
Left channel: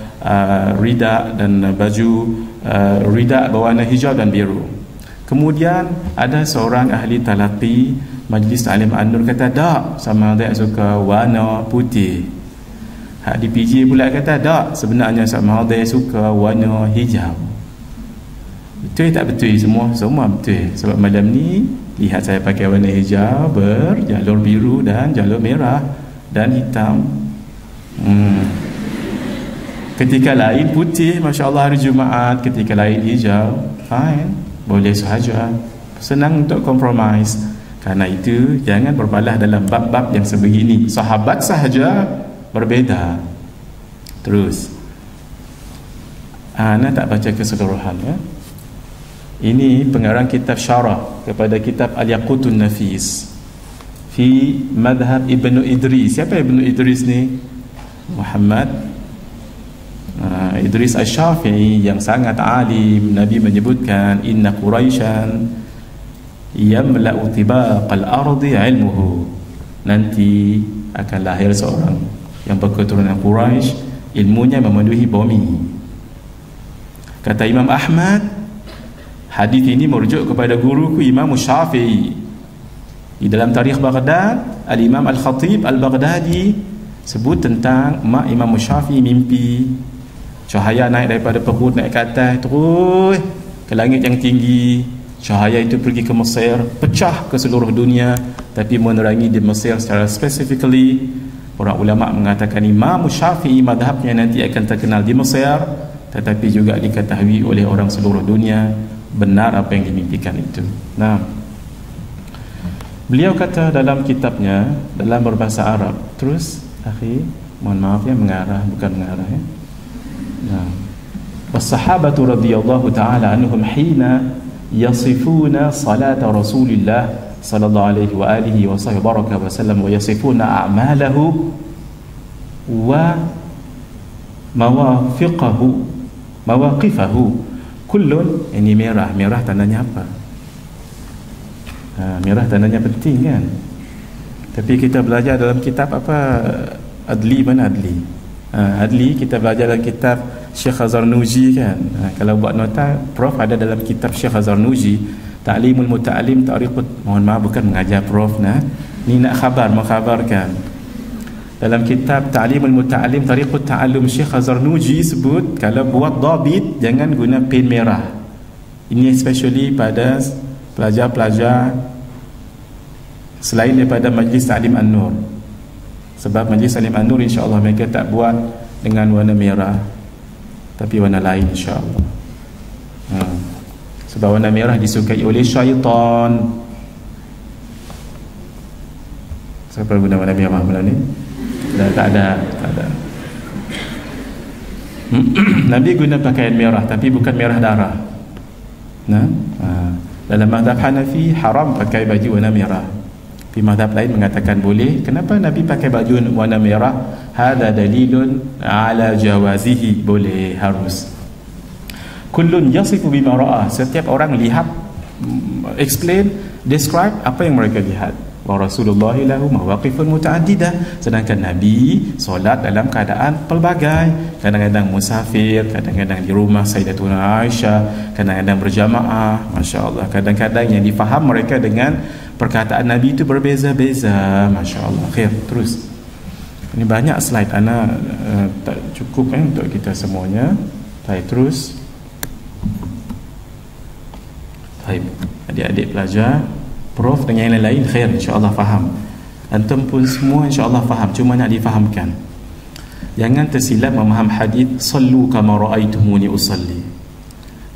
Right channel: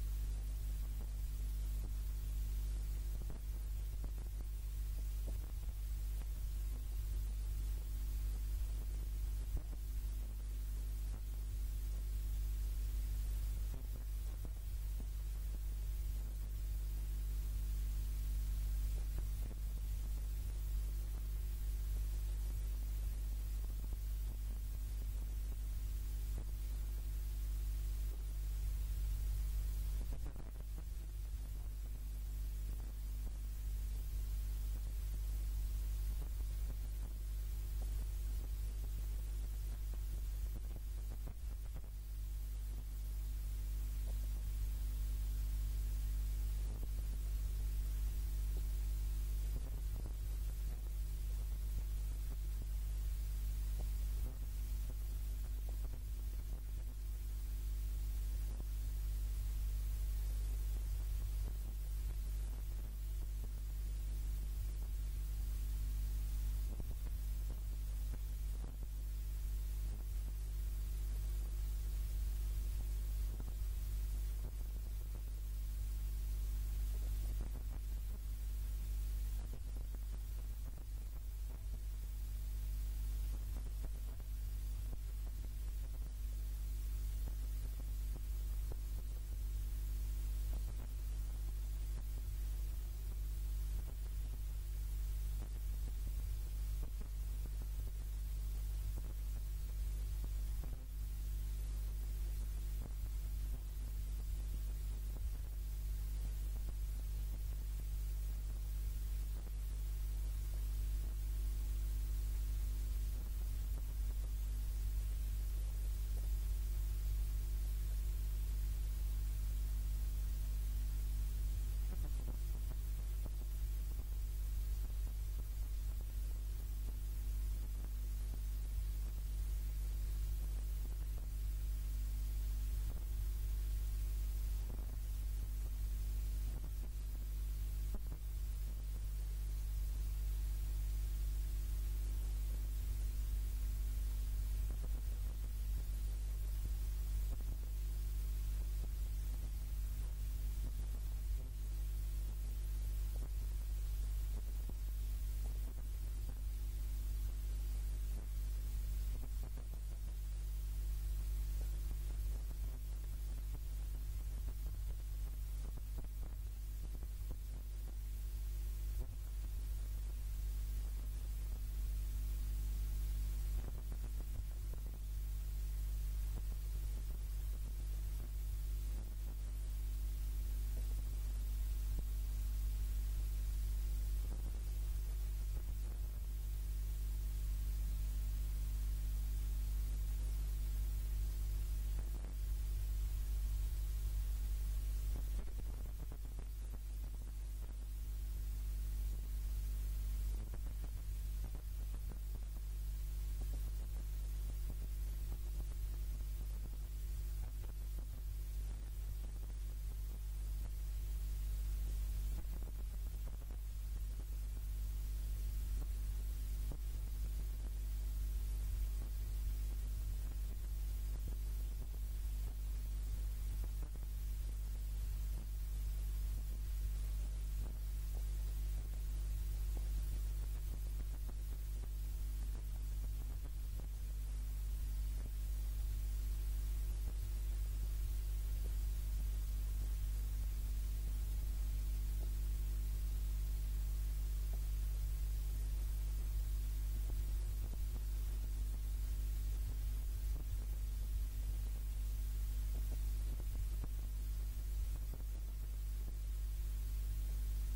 rida dan baju rida berwarna hijau dan biru. Kemudian ada seorang ahli talaqi Majlis Ta'lim An-Nur kata tak, sama ada suka warna putih. Hak di PJ pula kata tak, sebenarnya sama ada suka warna hijau. Betul tak betul? Semua betul. Sebab malam ni lihat saya pakai warna hijau berjalur biru dan jalur merah dan hitam. Ketika lain putih, masya-Allah hari Jumaat. Ketika lain hijau, fine, boleh sahaja. Senang untuk compromise. Karena itu jangan berbalah dalam bab-bab yang sebegini. Sahabat sahaja berbeza. Terus ana tak baca keseluruhan ya. Ini pengarang kitab syarah kepada kitab Al-Yaqutun Nafis fi madhab Ibnu Idris. Siapa Ibnu Idris ni? Muhammad Idris Asy-Syafi'i yang sangat alim. Nabi menyebutkan inna Quraisyan yamla'u tibaqal ardi ilmuhu. Nanti akan lahir seorang yang berketurunan Quraisy, ilmunya memenuhi bumi. Kata Imam Ahmad, hadis ini merujuk kepada guruku Imam Syafi'i. Di dalam tarikh Baghdad, Al-Imam Al-Khatib Al-Baghdadi sebut tentang mak Imam Syafi'i mimpi cahaya naik daripada perut naik ke atas terus ke langit yang tinggi. Cahaya itu pergi ke Mesir, pecah ke seluruh dunia, tapi menerangi di Mesir secara specifically. Orang ulama mengatakan Imam Syafi'i madhabnya nanti akan terkenal di Mesir, tetapi juga diketahui oleh orang seluruh dunia benar apa yang dimimpikan itu. Nah, beliau kata dalam kitabnya dalam berbahasa Arab. Terus, akhi, mohon maaf ya, mengarah bukan mengarah ya. Nah, was-sahabatu radhiyallahu ta'ala anhum hina yasifuna salata Rasulillah sallallahu alaihi wa alihi wa sahbihi baraka wa sallam wa yasifuna a'malahu wa mawaqifahu kullun. Ini merah tandanya apa? Merah tandanya penting kan. Tapi kita belajar dalam kitab apa? Adli, mana Adli? Adli kita belajar dalam kitab Syekh Zarnuji kan. Kalau buat nota, Prof ada dalam kitab Syekh Zarnuji Ta'limul Muta'alim Tariqut. Mohon maaf, bukan mengajar Prof nah. Ni nak mengkhabarkan. Dalam kitab Ta'limul Muta'alim Tariqut Ta'allum Syekh Zarnuji sebut kalau buat dhabit jangan guna pen merah. Ini especially pada pelajar-pelajar selain daripada Majlis Ta'lim An-Nur. Sebab Majlis Ta'lim An-Nur insya-Allah mereka tak buat dengan warna merah, tapi warna lain insya-Allah. Sebab warna merah disukai oleh syaitan. Siapa guna warna merah malam ni? Tak ada. Nabi guna pakaian merah, tapi bukan merah darah. Dalam mazhab Hanafi haram pakai baju warna merah. Di mazhab lain mengatakan boleh. Kenapa Nabi pakai baju warna merah? Hada dalilun ala jawazihi, boleh, harus. Kullun yasifu bima ra'a. Setiap orang lihat, explain, describe apa yang mereka lihat. Wa Rasulullah lahu mawaqifun muta'addidah. Sedangkan Nabi solat dalam keadaan pelbagai. Kadang-kadang musafir, kadang-kadang di rumah Sayyidatuna Aisyah, kadang-kadang berjamaah, masya-Allah. Kadang-kadang yang difaham mereka dengan perkataan Nabi itu berbeza-beza, masya-Allah. Khair, terus. Ini banyak slide, ana tak cukup untuk kita semuanya. Baik, terus. Baik, adik-adik pelajar, Prof dengan yang lain khair, insya-Allah faham. Antum pun semua insya-Allah faham, cuma nak difahamkan. Jangan tersilap memaham hadis sallu kama raaitumuni usalli.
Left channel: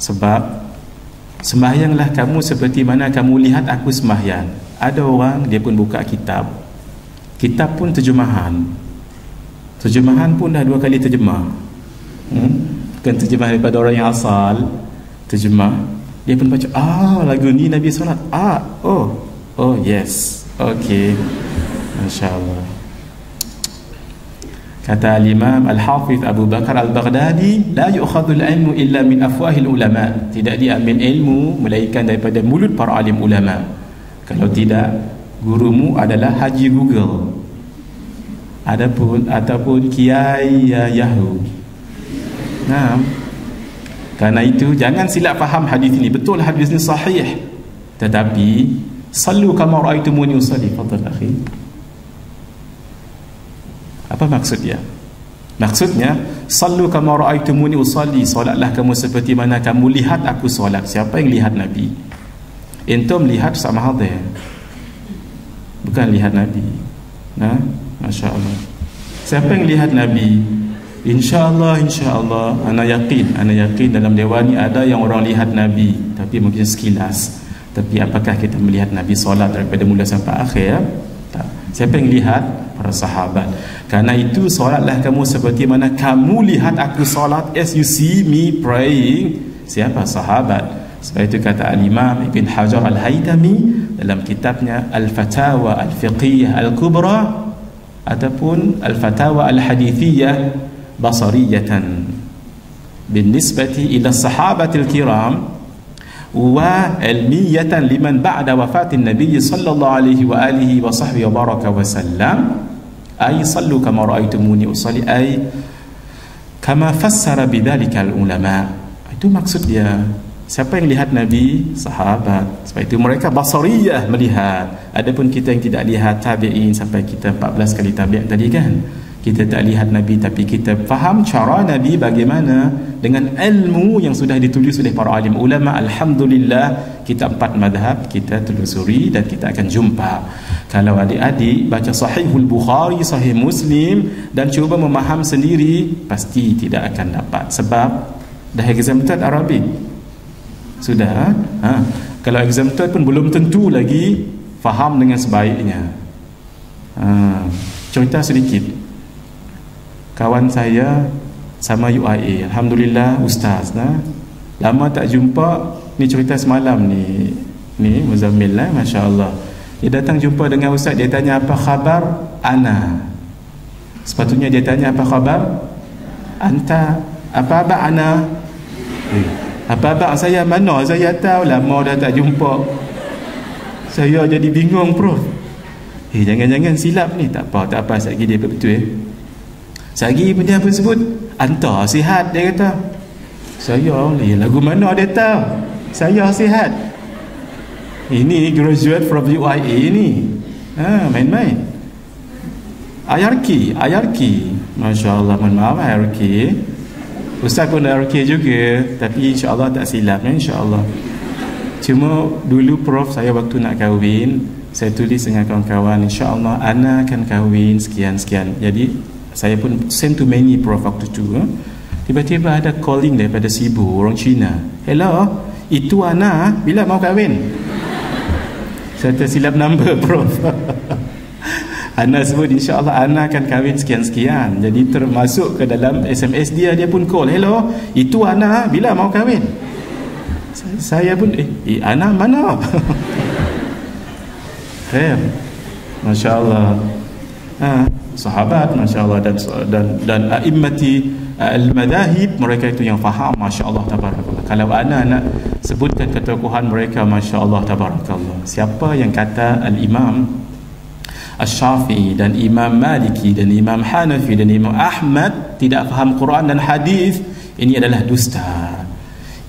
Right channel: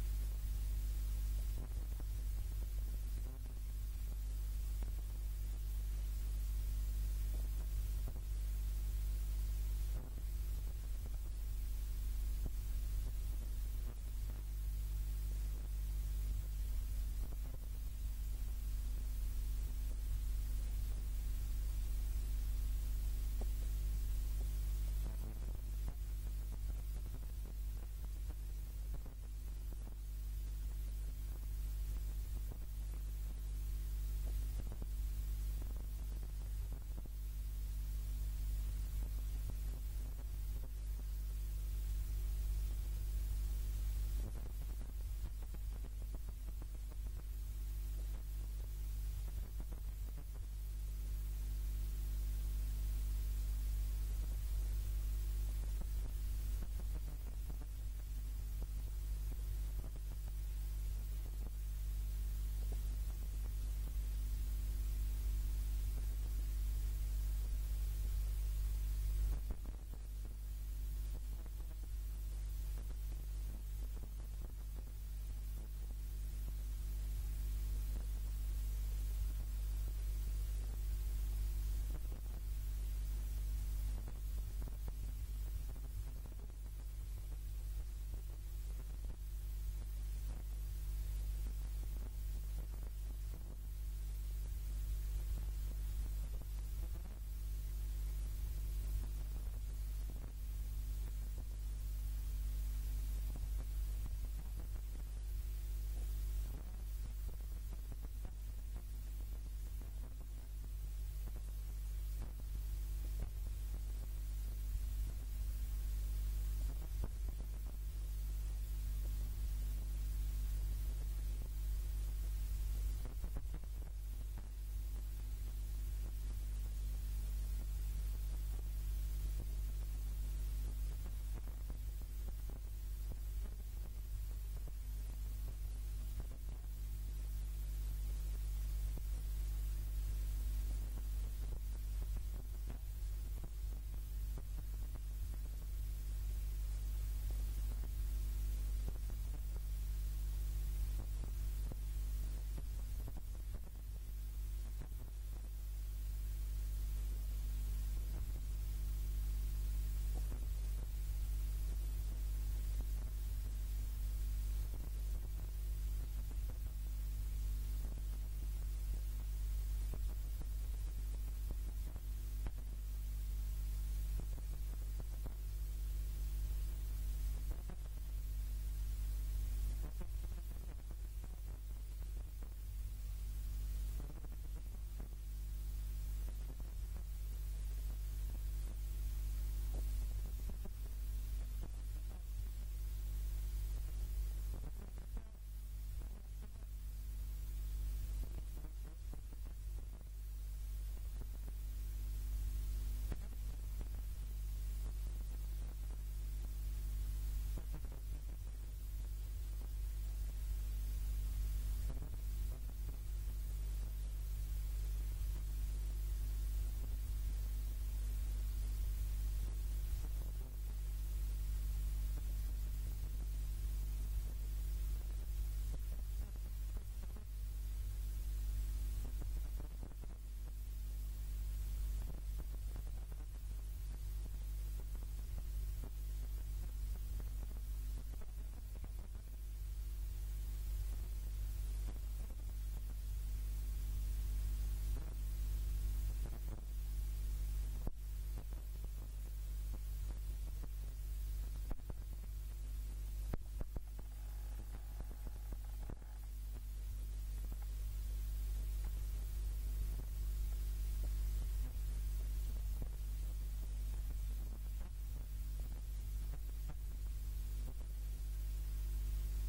Sebab sembahyanglah kamu seperti mana kamu lihat aku sembahyang. Ada orang dia pun buka kitab pun terjemahan pun dah 2 kali terjemah, bukan terjemah daripada orang yang asal, terjemah dia pun baca, lagu ni Nabi solat, oh yes, okay, Masya Allah. Kata Al-Imam Al-Hafiz Abu Bakar Al-Baghdadi, la yu'khadul ilmu illa min afwahil ulama, tidak diambil ilmu melainkan daripada mulut para alim ulama. Kalau tidak, gurumu adalah Haji Google ataupun Kiai Yahoo. Nah, karena itu jangan silap faham hadis ini. Betul hadis ini sahih, tetapi sallu kama ra'aitumuni usalli. Fadhal akhi. Apa maksudnya? Maksudnya sallu kama ra'aitumuni usalli, solatlah kamu seperti mana kamu lihat aku solat. Siapa yang lihat Nabi? Antum lihat sama hadir, bukan lihat Nabi. Nah, Masya Allah. Siapa yang lihat Nabi? InsyaAllah ana yakin dalam dewan ni ada yang orang lihat Nabi, tapi mungkin sekilas. Tapi apakah kita melihat Nabi solat daripada mula sampai akhir? Tak. Siapa yang lihat? Para sahabat. Karena itu solatlah kamu seperti mana kamu lihat aku solat, as you see me praying. Siapa? Sahabat. Sebab itu kata Al-Imam Ibn Hajar Al-Haytami dalam kitabnya Al-Fatawa Al-Fiqhiyah Al-Kubra ataupun Al-Fatawa Al-Hadithiyah basariyatan binisbati ila sahabatil kiram wa ilmiyatan liman ba'da wafatin nabiy sallallahu alaihi wa alihi wa sahbihi wa baraka wa sallam, ay sallu kama ra'aitumuni usalli, ay kama fassara bidzalika al ulama. Itu maksud dia. Siapa yang lihat Nabi? Sahabat. Sebab itu mereka basariyah, melihat. Adapun kita yang tidak lihat, tabi'in, sampai kita 14 kali tabi'at tadi kan, kita tak lihat Nabi, tapi kita faham cara Nabi bagaimana dengan ilmu yang sudah ditulis oleh para alim ulama. Alhamdulillah, kita 4 madhab kita telusuri dan kita akan jumpa. Kalau adik-adik baca Sahihul Bukhari, Sahih Muslim dan cuba memaham sendiri, pasti tidak akan dapat. Sebab dah exempted Arabic sudah. Kalau exempted pun belum tentu lagi faham dengan sebaiknya. Contoh sedikit, kawan saya sama UIA, alhamdulillah ustaz, lama tak jumpa. Ni cerita semalam ni Muzammil lah, Masya Allah. Dia datang jumpa dengan ustaz, dia tanya apa khabar ana. Sepatutnya dia tanya apa khabar anta, apa abang ana, apa abang saya, mana saya tahu, lama dah tak jumpa, saya jadi bingung prof. Jangan-jangan silap ni. Tak apa, sekali dia betul Sagi dia pun sebut anta sihat, dia kata. Saya lagu mana dia tahu saya sihat. Ini graduate from UIA ni. Main-main. IRQ. Masya Allah, mohon maaf IRQ. Ustaz pun IRQ juga, tapi insya-Allah tak silap, insya-Allah. Cuma dulu prof saya waktu nak kahwin, saya tulis dengan kawan-kawan, insya-Allah ana akan kahwin sekian-sekian. Jadi saya pun send to many prof waktu tu. Tiba-tiba ada calling daripada Sibu, orang Cina. Hello, itu Ana, bila mau kahwin? Saya tersilap number prof. Ana sebut insya-Allah Ana akan kahwin sekian-sekian. Jadi termasuk ke dalam SMS dia pun call. Hello, itu Ana, bila mau kahwin? Saya pun Ana mana? Khair. Masya-Allah. Sahabat, masya-Allah, dan a'immati al-madahib, mereka itu yang faham, masya-Allah tabarakallah. Kalau ana nak sebutkan ketokohan mereka, masya-Allah tabarakallah. Siapa yang kata al-Imam Asy-Syafi'i dan Imam Maliki dan Imam Hanafi dan Imam Ahmad tidak faham Quran dan hadis, ini adalah dusta.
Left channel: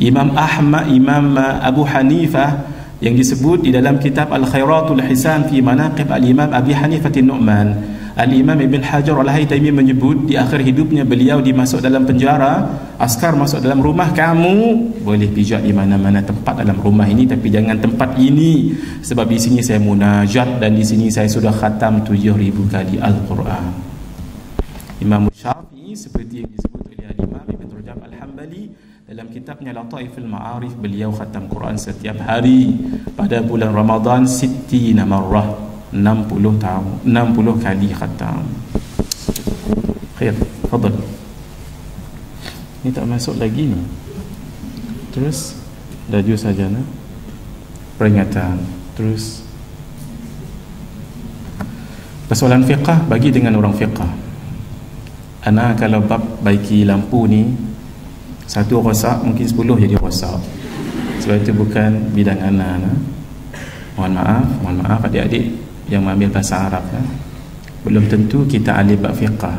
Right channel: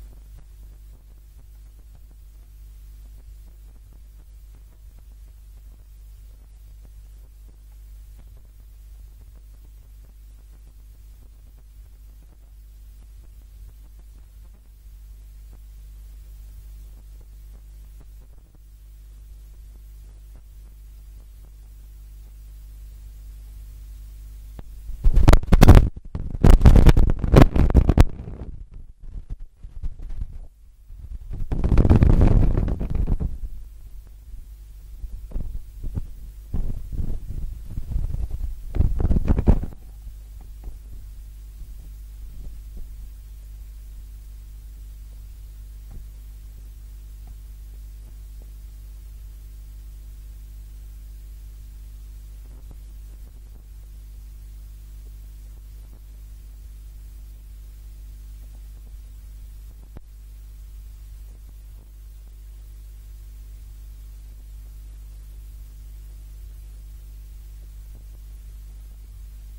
Imam Ahmad, Imam Abu Hanifah yang disebut di dalam kitab Al-Khairatul Hisan fi Manaqib Al-Imam Abi Hanifah An-Nu'man, Al-Imam Ibn Hajar Al-Haytami menyebut di akhir hidupnya beliau dimasuk dalam penjara. Askar masuk dalam rumah, kamu boleh pijak di mana-mana tempat dalam rumah ini, tapi jangan tempat ini, sebab di sini saya munajat dan di sini saya sudah khatam 7,000 kali Al-Quran. Imam Syafi'i seperti yang disebut oleh Al-Imam Al-Hambali Dalam kitabnya Lataiful Ma'arif, beliau khatam Quran setiap hari pada bulan Ramadan 60 marrah, 60 kali khatam. Khair, fadal. Ini tak masuk lagi ni. Terus laju saja nah. Peringatan. Terus persoalan fiqah bagi dengan orang fiqah. Ana kalau bab baiki lampu ni, satu rosak mungkin 10 jadi rosak. Sebab itu bukan bidang ana nah. Mohon maaf adik-adik yang mengambil bahasa Arab nah. Belum tentu kita ahli bab fiqah.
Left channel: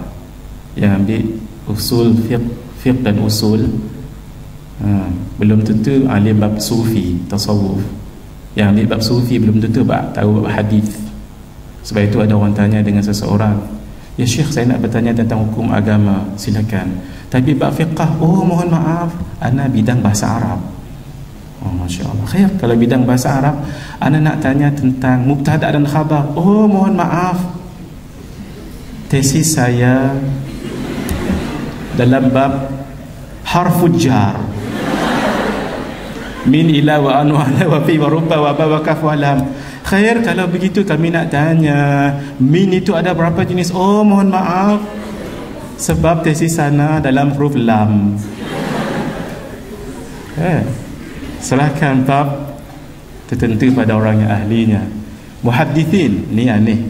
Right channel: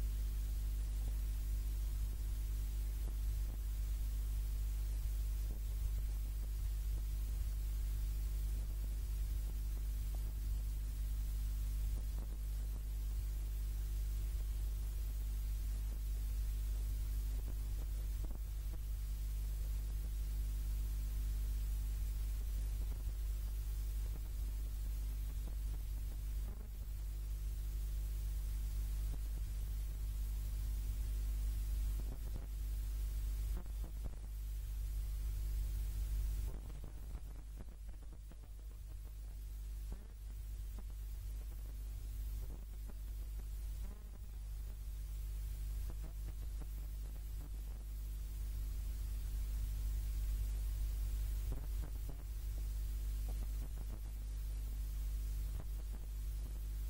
Yang ambil usul fiqh dan usul, belum tentu ahli bab sufi, tasawuf. Yang ambil bab sufi belum tentu tahu bab hadis. Sebab itu ada orang tanya dengan seseorang, "Ya Syekh, saya nak bertanya tentang hukum agama." Silakan. Tapi bab fiqah, oh mohon maaf, ana bidang bahasa Arab. Oh masya-Allah. Khair, kalau bidang bahasa Arab, ana nak tanya tentang mubtada dan khabar. Oh mohon maaf, tesis saya dalam bab harful jar, min ila wa an wa ala wa fi wa rubba wa ba wa kaf wa lam. Khair, kalau begitu kami nak tanya, min itu ada berapa jenis? Oh mohon maaf, sebab tesis sana dalam huruf lam. Serahkan bab tertentu pada orang yang ahlinya. Muhaddithin, ni aneh.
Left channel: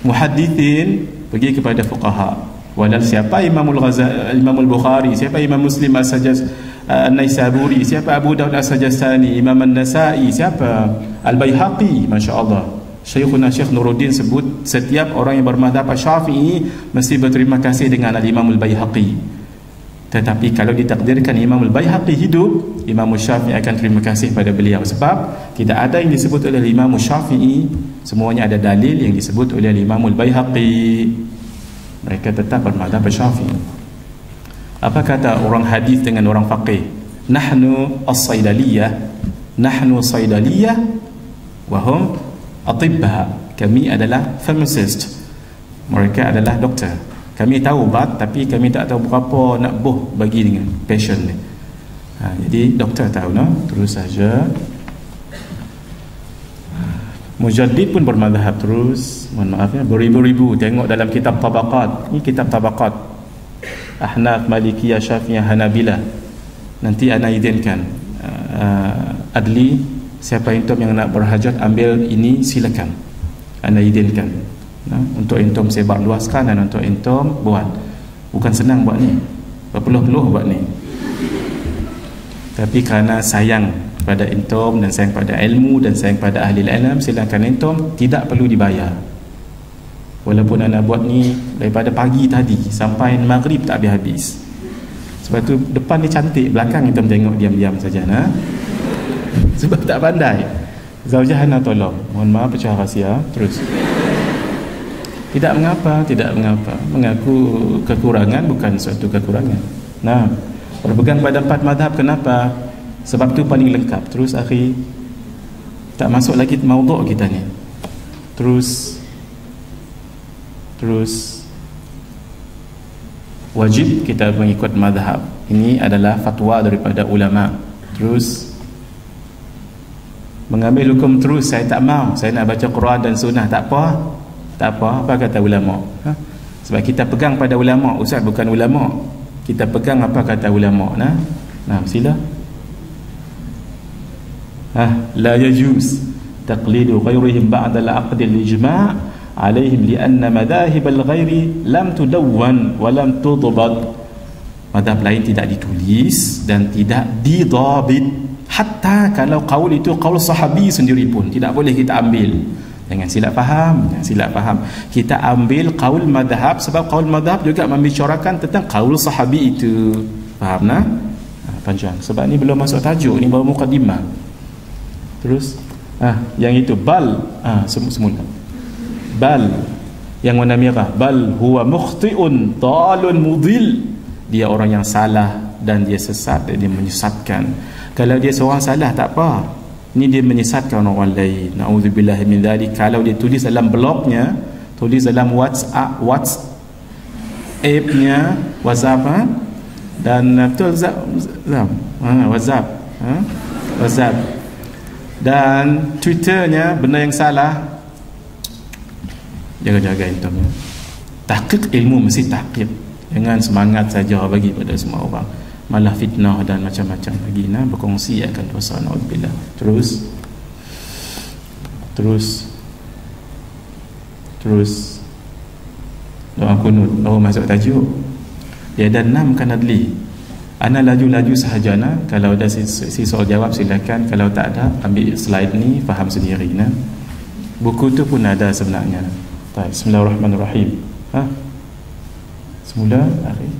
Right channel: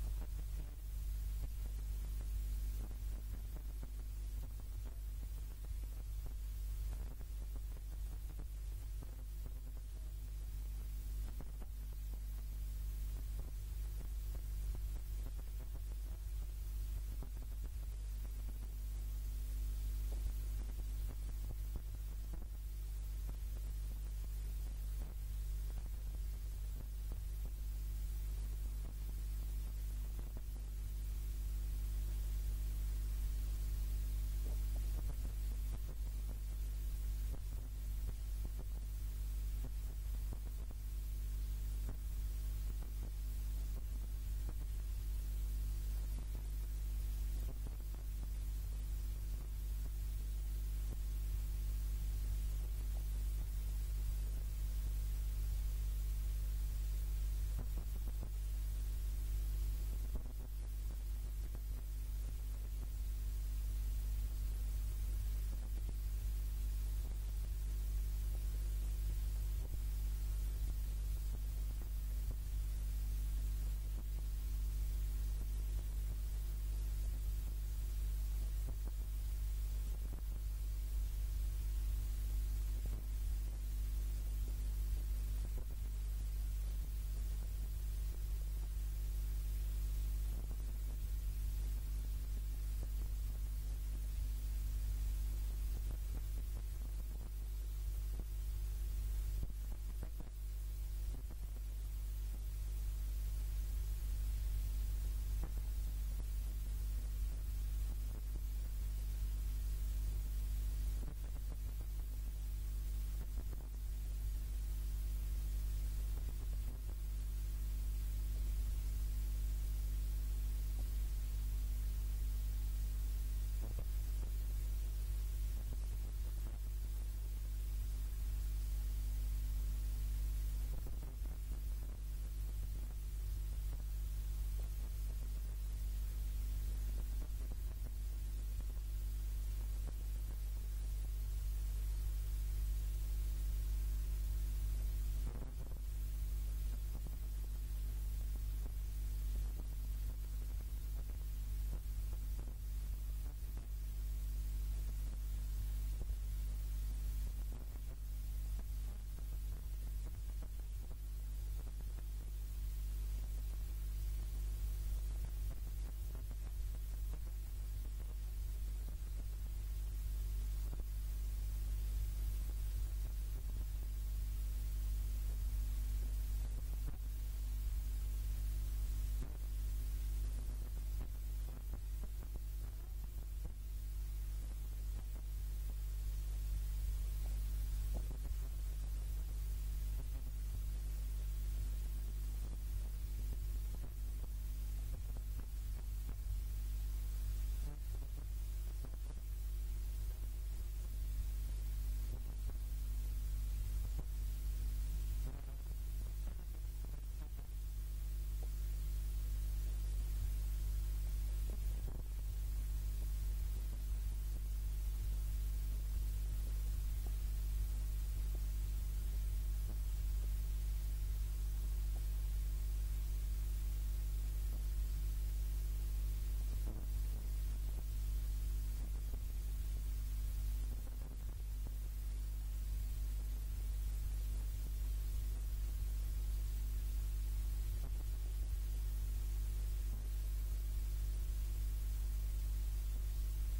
Muhaddithin pergi kepada fuqaha. Walal siapa Imamul Ghazali, Imamul Bukhari, siapa Imam Muslim An-Naisaburi, siapa Abu Daud As-Sajastani, Imam An-Nasai, siapa Al-Baihaqi. masya-Allah. Syekhuna Syekh Nuruddin sebut setiap orang yang bermadzhab Syafi'i mesti berterima kasih dengan Al-Imam Al-Baihaqi. Tetapi kalau ditakdirkan Imam Al-Baihaqi hidup, Imam Syafi'i akan terima kasih pada beliau. Sebab tidak ada yang disebut oleh Imam Syafi'i, semuanya ada dalil yang disebut oleh Imam Al-Baihaqi. Mereka tetap bermadzhab Syafi'i. Apa kata orang hadis dengan orang faqih? Nahnu as-saydaliyah, nahnu saydaliyah wa hum atibba. Kami adalah pharmacist, mereka adalah doktor. Kami tahu ubat, tapi kami tak tahu berapa nak buh bagi dengan patient ni. Jadi doktor tahu no? Terus saja. Mujaddid pun bermadzhab terus. Mohon maaf ya, beribu-ribu. Tengok dalam kitab Tabaqat. Ini kitab Tabaqat. Ahnaf, Malikiyah, Syafi'iyah, Hanabilah. Nanti ana izinkan adli, siapa intom yang nak berhajat ambil ini silakan. Ana izinkan. Untuk intom sebar luaskan dan untuk intom buat. Bukan senang buat ni. Berpeluh-peluh buat ni. Tapi kerana sayang pada intom dan sayang pada ilmu dan sayang pada ahli ilmu, silakan intom, tidak perlu dibayar. Walaupun anda buat ni daripada pagi tadi sampai maghrib tak habis-habis. Sebab tu depan ni cantik, belakang intom tengok diam-diam saja nah. Sebab tak pandai. Zaujahana tolong. Mohon maaf pecah rahsia. Terus. Tidak mengapa. Mengaku kekurangan bukan suatu kekurangan. Nah, berpegang pada 4 mazhab kenapa? Sebab tu paling lengkap. Terus akhi, tak masuk lagi maudhu' kita ni. Terus wajib kita mengikut mazhab. Ini adalah fatwa daripada ulama. Terus mengambil hukum terus, saya tak mau, saya nak baca Quran dan sunnah. Tak apa, apa kata ulama? Sebab kita pegang pada ulama. Ustaz bukan ulama, kita pegang apa kata ulama. Nah, sila. La yajuz taqlidu ghairihim ba'da al-aqd al-ijma' alaihim lianna madahib al-ghairi lam tudawwan wa lam tudbat. Madhab lain tidak ditulis dan tidak didabit. Hatta kalau qaul itu qaul sahabi sendiri pun tidak boleh kita ambil. Jangan silap faham. Kita ambil qaul madhab sebab qaul madhab juga membicarakan tentang qaul sahabi itu. Faham nah? Panjang. Sebab ni belum masuk tajuk, ni baru mukadimah. Terus yang itu bal semula bal yang warna merah, bal huwa mukhti'un dalun mudil, dia orang yang salah dan dia sesat, dia menyesatkan. Kalau dia seorang salah tak apa, ni dia menyesatkan orang lain. Nauzubillah min dzalik. Kalau dia tulis dalam blognya, tulis dalam WhatsApp-nya, Dan betul WhatsApp, WhatsApp. Dan Twitternya benda yang salah, jaga-jaga itu. Tahqiq ilmu mesti tahqiq. Jangan semangat saja bagi pada semua orang, malah fitnah dan macam-macam lagi. Nah, berkongsi akan dosa, naudzubillah. Terus doa kunut. Masuk tajuk. Dia ada 6 kan adli. Ana laju-laju sahajana. Kalau ada si soal jawab silakan. Kalau tak ada, ambil slide ni, faham sendiri. Nah, buku tu pun ada sebenarnya. Baik, bismillahirrahmanirrahim. Semula akhir.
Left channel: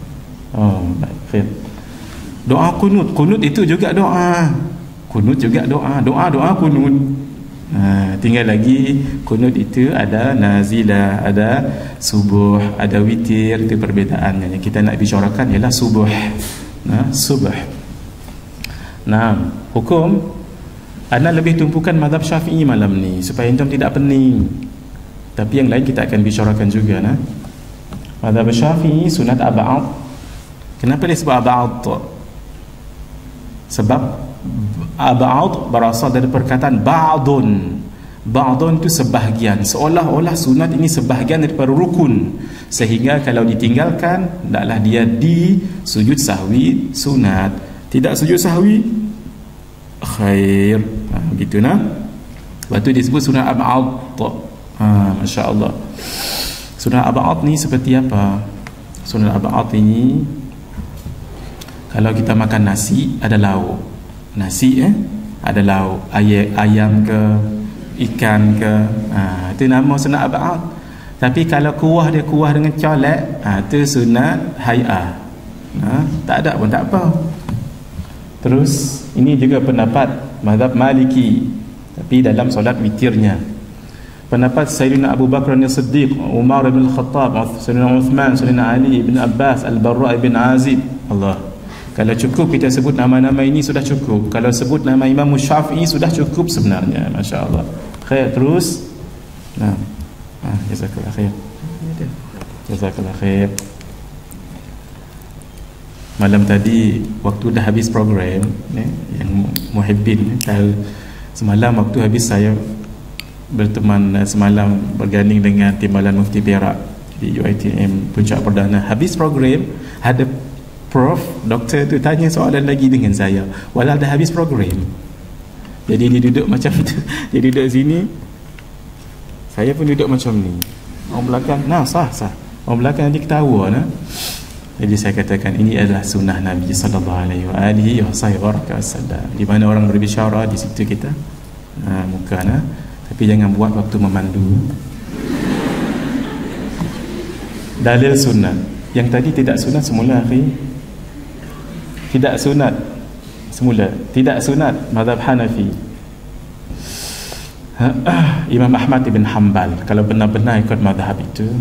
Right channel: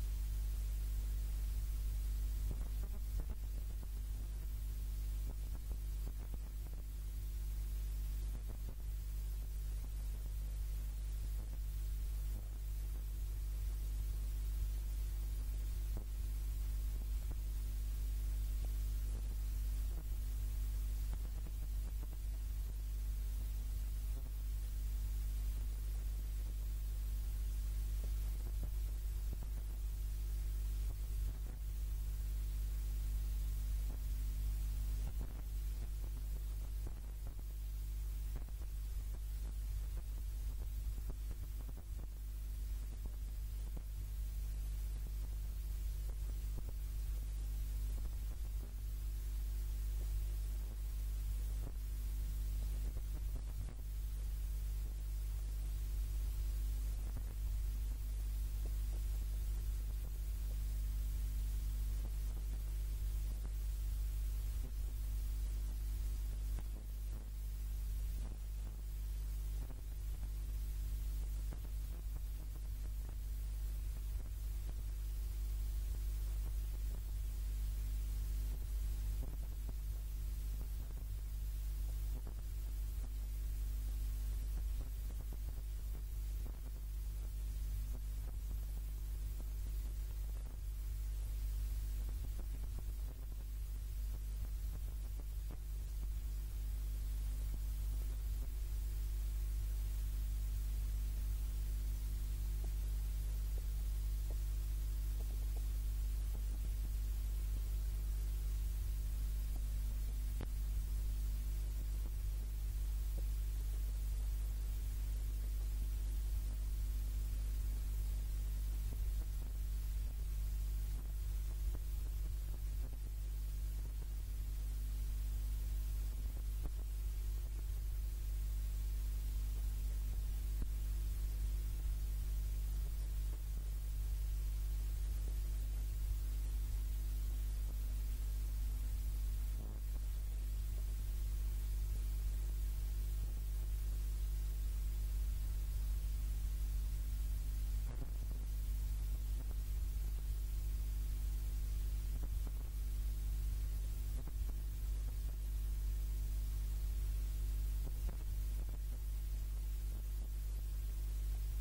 Baik. Doa kunut. Kunut itu juga doa. Kunut juga doa. Doa kunut. Tinggal lagi kunut itu ada nazilah, ada subuh, ada witir. Itu perbezaannya. Yang kita nak bicarakan ialah subuh. Subuh. Hukum ana lebih tumpukan mazhab Syafi'i malam ni supaya antum tidak pening. Tapi yang lain kita akan bicarakan juga. Mazhab Syafi'i sunat ab'ad. Kenapa dia sebut ab'ad? Sebab ab'ad berasal dari perkataan ba'dun. Ba'dun itu sebahagian. Seolah-olah sunat ini sebahagian daripada rukun, sehingga kalau ditinggalkan hendaklah dia di sujud sahwi sunat. Tidak sujud sahwi khair. Begitu nah. Lepas tu disebut sunat ab'ad. Masya Allah. Sunat ab'ad ni seperti apa? Sunat ab'ad ini, kalau kita makan nasi ada lauk. Nasi ada lauk, ayam ke, ikan ke, itu nama sunat ab'ad. Tapi kalau kuah dia kuah dengan colek, itu sunat hay'ah. Tak ada pun tak apa. Terus ini juga pendapat mazhab Maliki, tapi dalam solat witirnya. Pendapat Sayyidina Abu Bakar As-Siddiq, Umar bin Khattab, Sayyidina Uthman, Sayyidina Ali bin Abbas, Al-Barra bin Azib. Allah. Kalau cukup kita sebut nama-nama ini sudah cukup. Kalau sebut nama Imam Syafi'i sudah cukup sebenarnya. Masya Allah. Khair. Terus jazakallah khair. Jazakallah khair. Malam tadi waktu dah habis program yang muhibbin tahu, semalam waktu habis saya berteman semalam berganding dengan timbalan Mufti Perak di UiTM Puncak Perdana. Habis program ada prof, doktor tu tanya soalan lagi dengan saya walau dah habis program. Jadi dia duduk macam tu. Dia duduk sini, saya pun duduk macam ni. Orang belakang sah. Orang belakang nanti ketawa Jadi saya katakan ini adalah sunnah Nabi sallallahu alaihi wasallam. Di mana orang berbicara di situ kita muka tapi jangan buat waktu memandu. Dalil sunat. Yang tadi tidak sunat semula akhi. Tidak sunat semula. Tidak sunat mazhab Hanafi. Imam Ahmad bin Hanbal kalau benar-benar ikut mazhab itu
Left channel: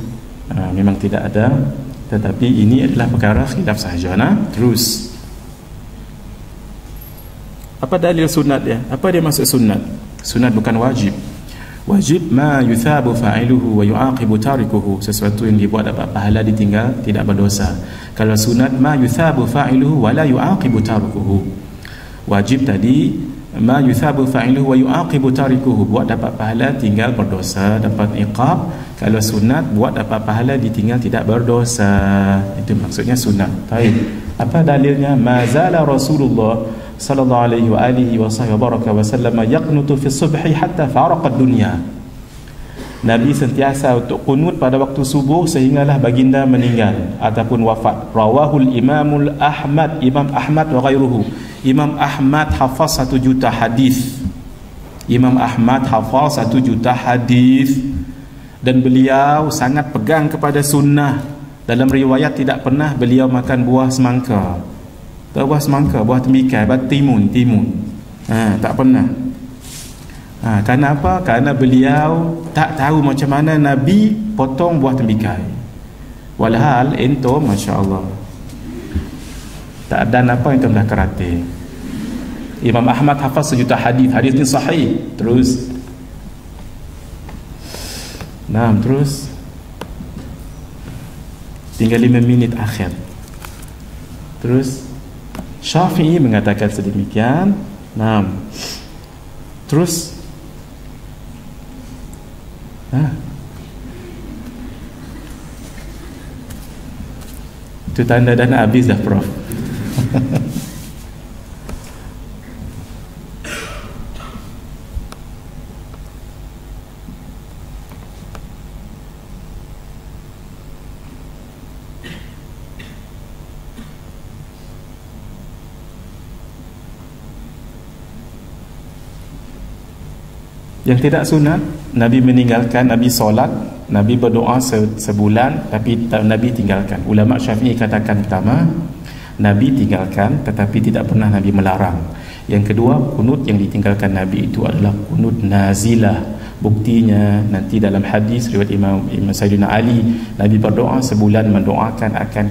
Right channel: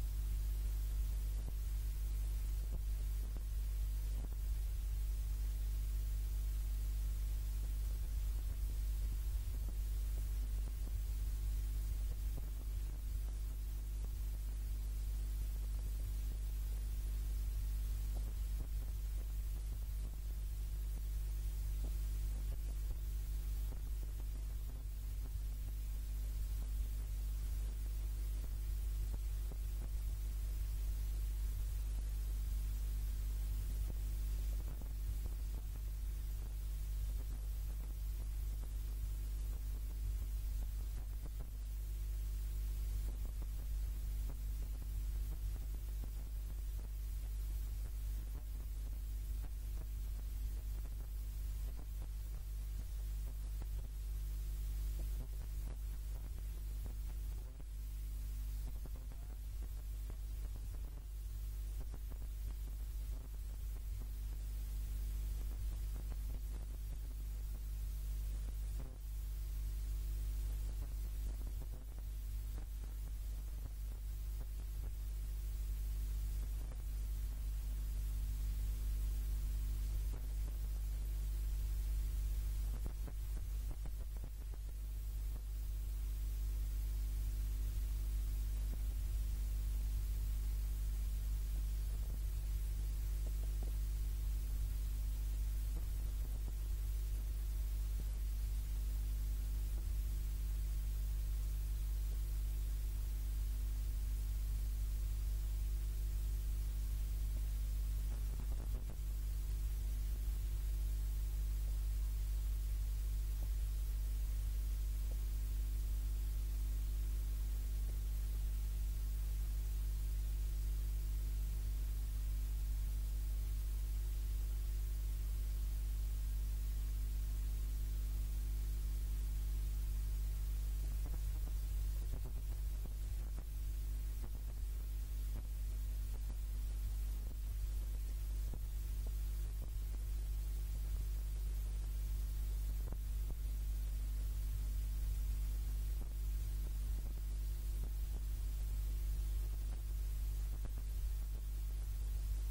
memang tidak ada. Tetapi ini adalah perkara khilaf sahaja. Terus apa dalil sunat dia? Apa dia maksud sunat? Sunat bukan wajib. Wajib ma yuthabu fa'iluhu wa yu'aqibu tarikuhu, sesuatu yang dibuat dapat pahala, ditinggal tidak berdosa. Kalau sunat ma yuthabu fa'iluhu wa la yu'aqibu tarikuhu. Wajib tadi ma yuthabu fa'iluhu wa yu'aqibu tarikuhu, buat dapat pahala, tinggal berdosa, dapat iqab. Kalau sunat buat dapat pahala, ditinggal tidak berdosa. Itu maksudnya sunat. Baik. Apa dalilnya? Mazala Rasulullah sallallahu alaihi wasallam yaqnutu fi subhi hatta faraqa dunya. Nabi sentiasa untuk kunut pada waktu subuh sehinggalah baginda meninggal ataupun wafat. Rawahul Imamul Ahmad, Imam Ahmad wa ghairuhu. Imam Ahmad hafaz 1 juta hadis. Imam Ahmad hafaz 1 juta hadis dan beliau sangat pegang kepada sunnah. Dalam riwayat tidak pernah beliau makan buah semangka. Buah semangka, buah tembikai, buah timun. Tak pernah. Kerana apa? Kerana beliau tak tahu macam mana Nabi potong buah tembikai. Walhal entum Masya Allah tak ada apa yang dah kerate. Imam Ahmad hafaz 1 juta hadis. Hadis ni sahih. Terus tinggal 5 minit akhir. Terus Syafi'i mengatakan sedemikian. 6. Terus itu tanda dah nak habis dah, Prof. Yang tidak sunat, Nabi meninggalkan, Nabi solat, Nabi berdoa sebulan, tapi Nabi tinggalkan. Ulama Syafi'i katakan pertama, Nabi tinggalkan tetapi tidak pernah Nabi melarang. Yang kedua, kunut yang ditinggalkan Nabi itu adalah kunut nazilah. Buktinya nanti dalam hadis riwayat Imam Sayyidina Ali, Nabi berdoa sebulan mendoakan akan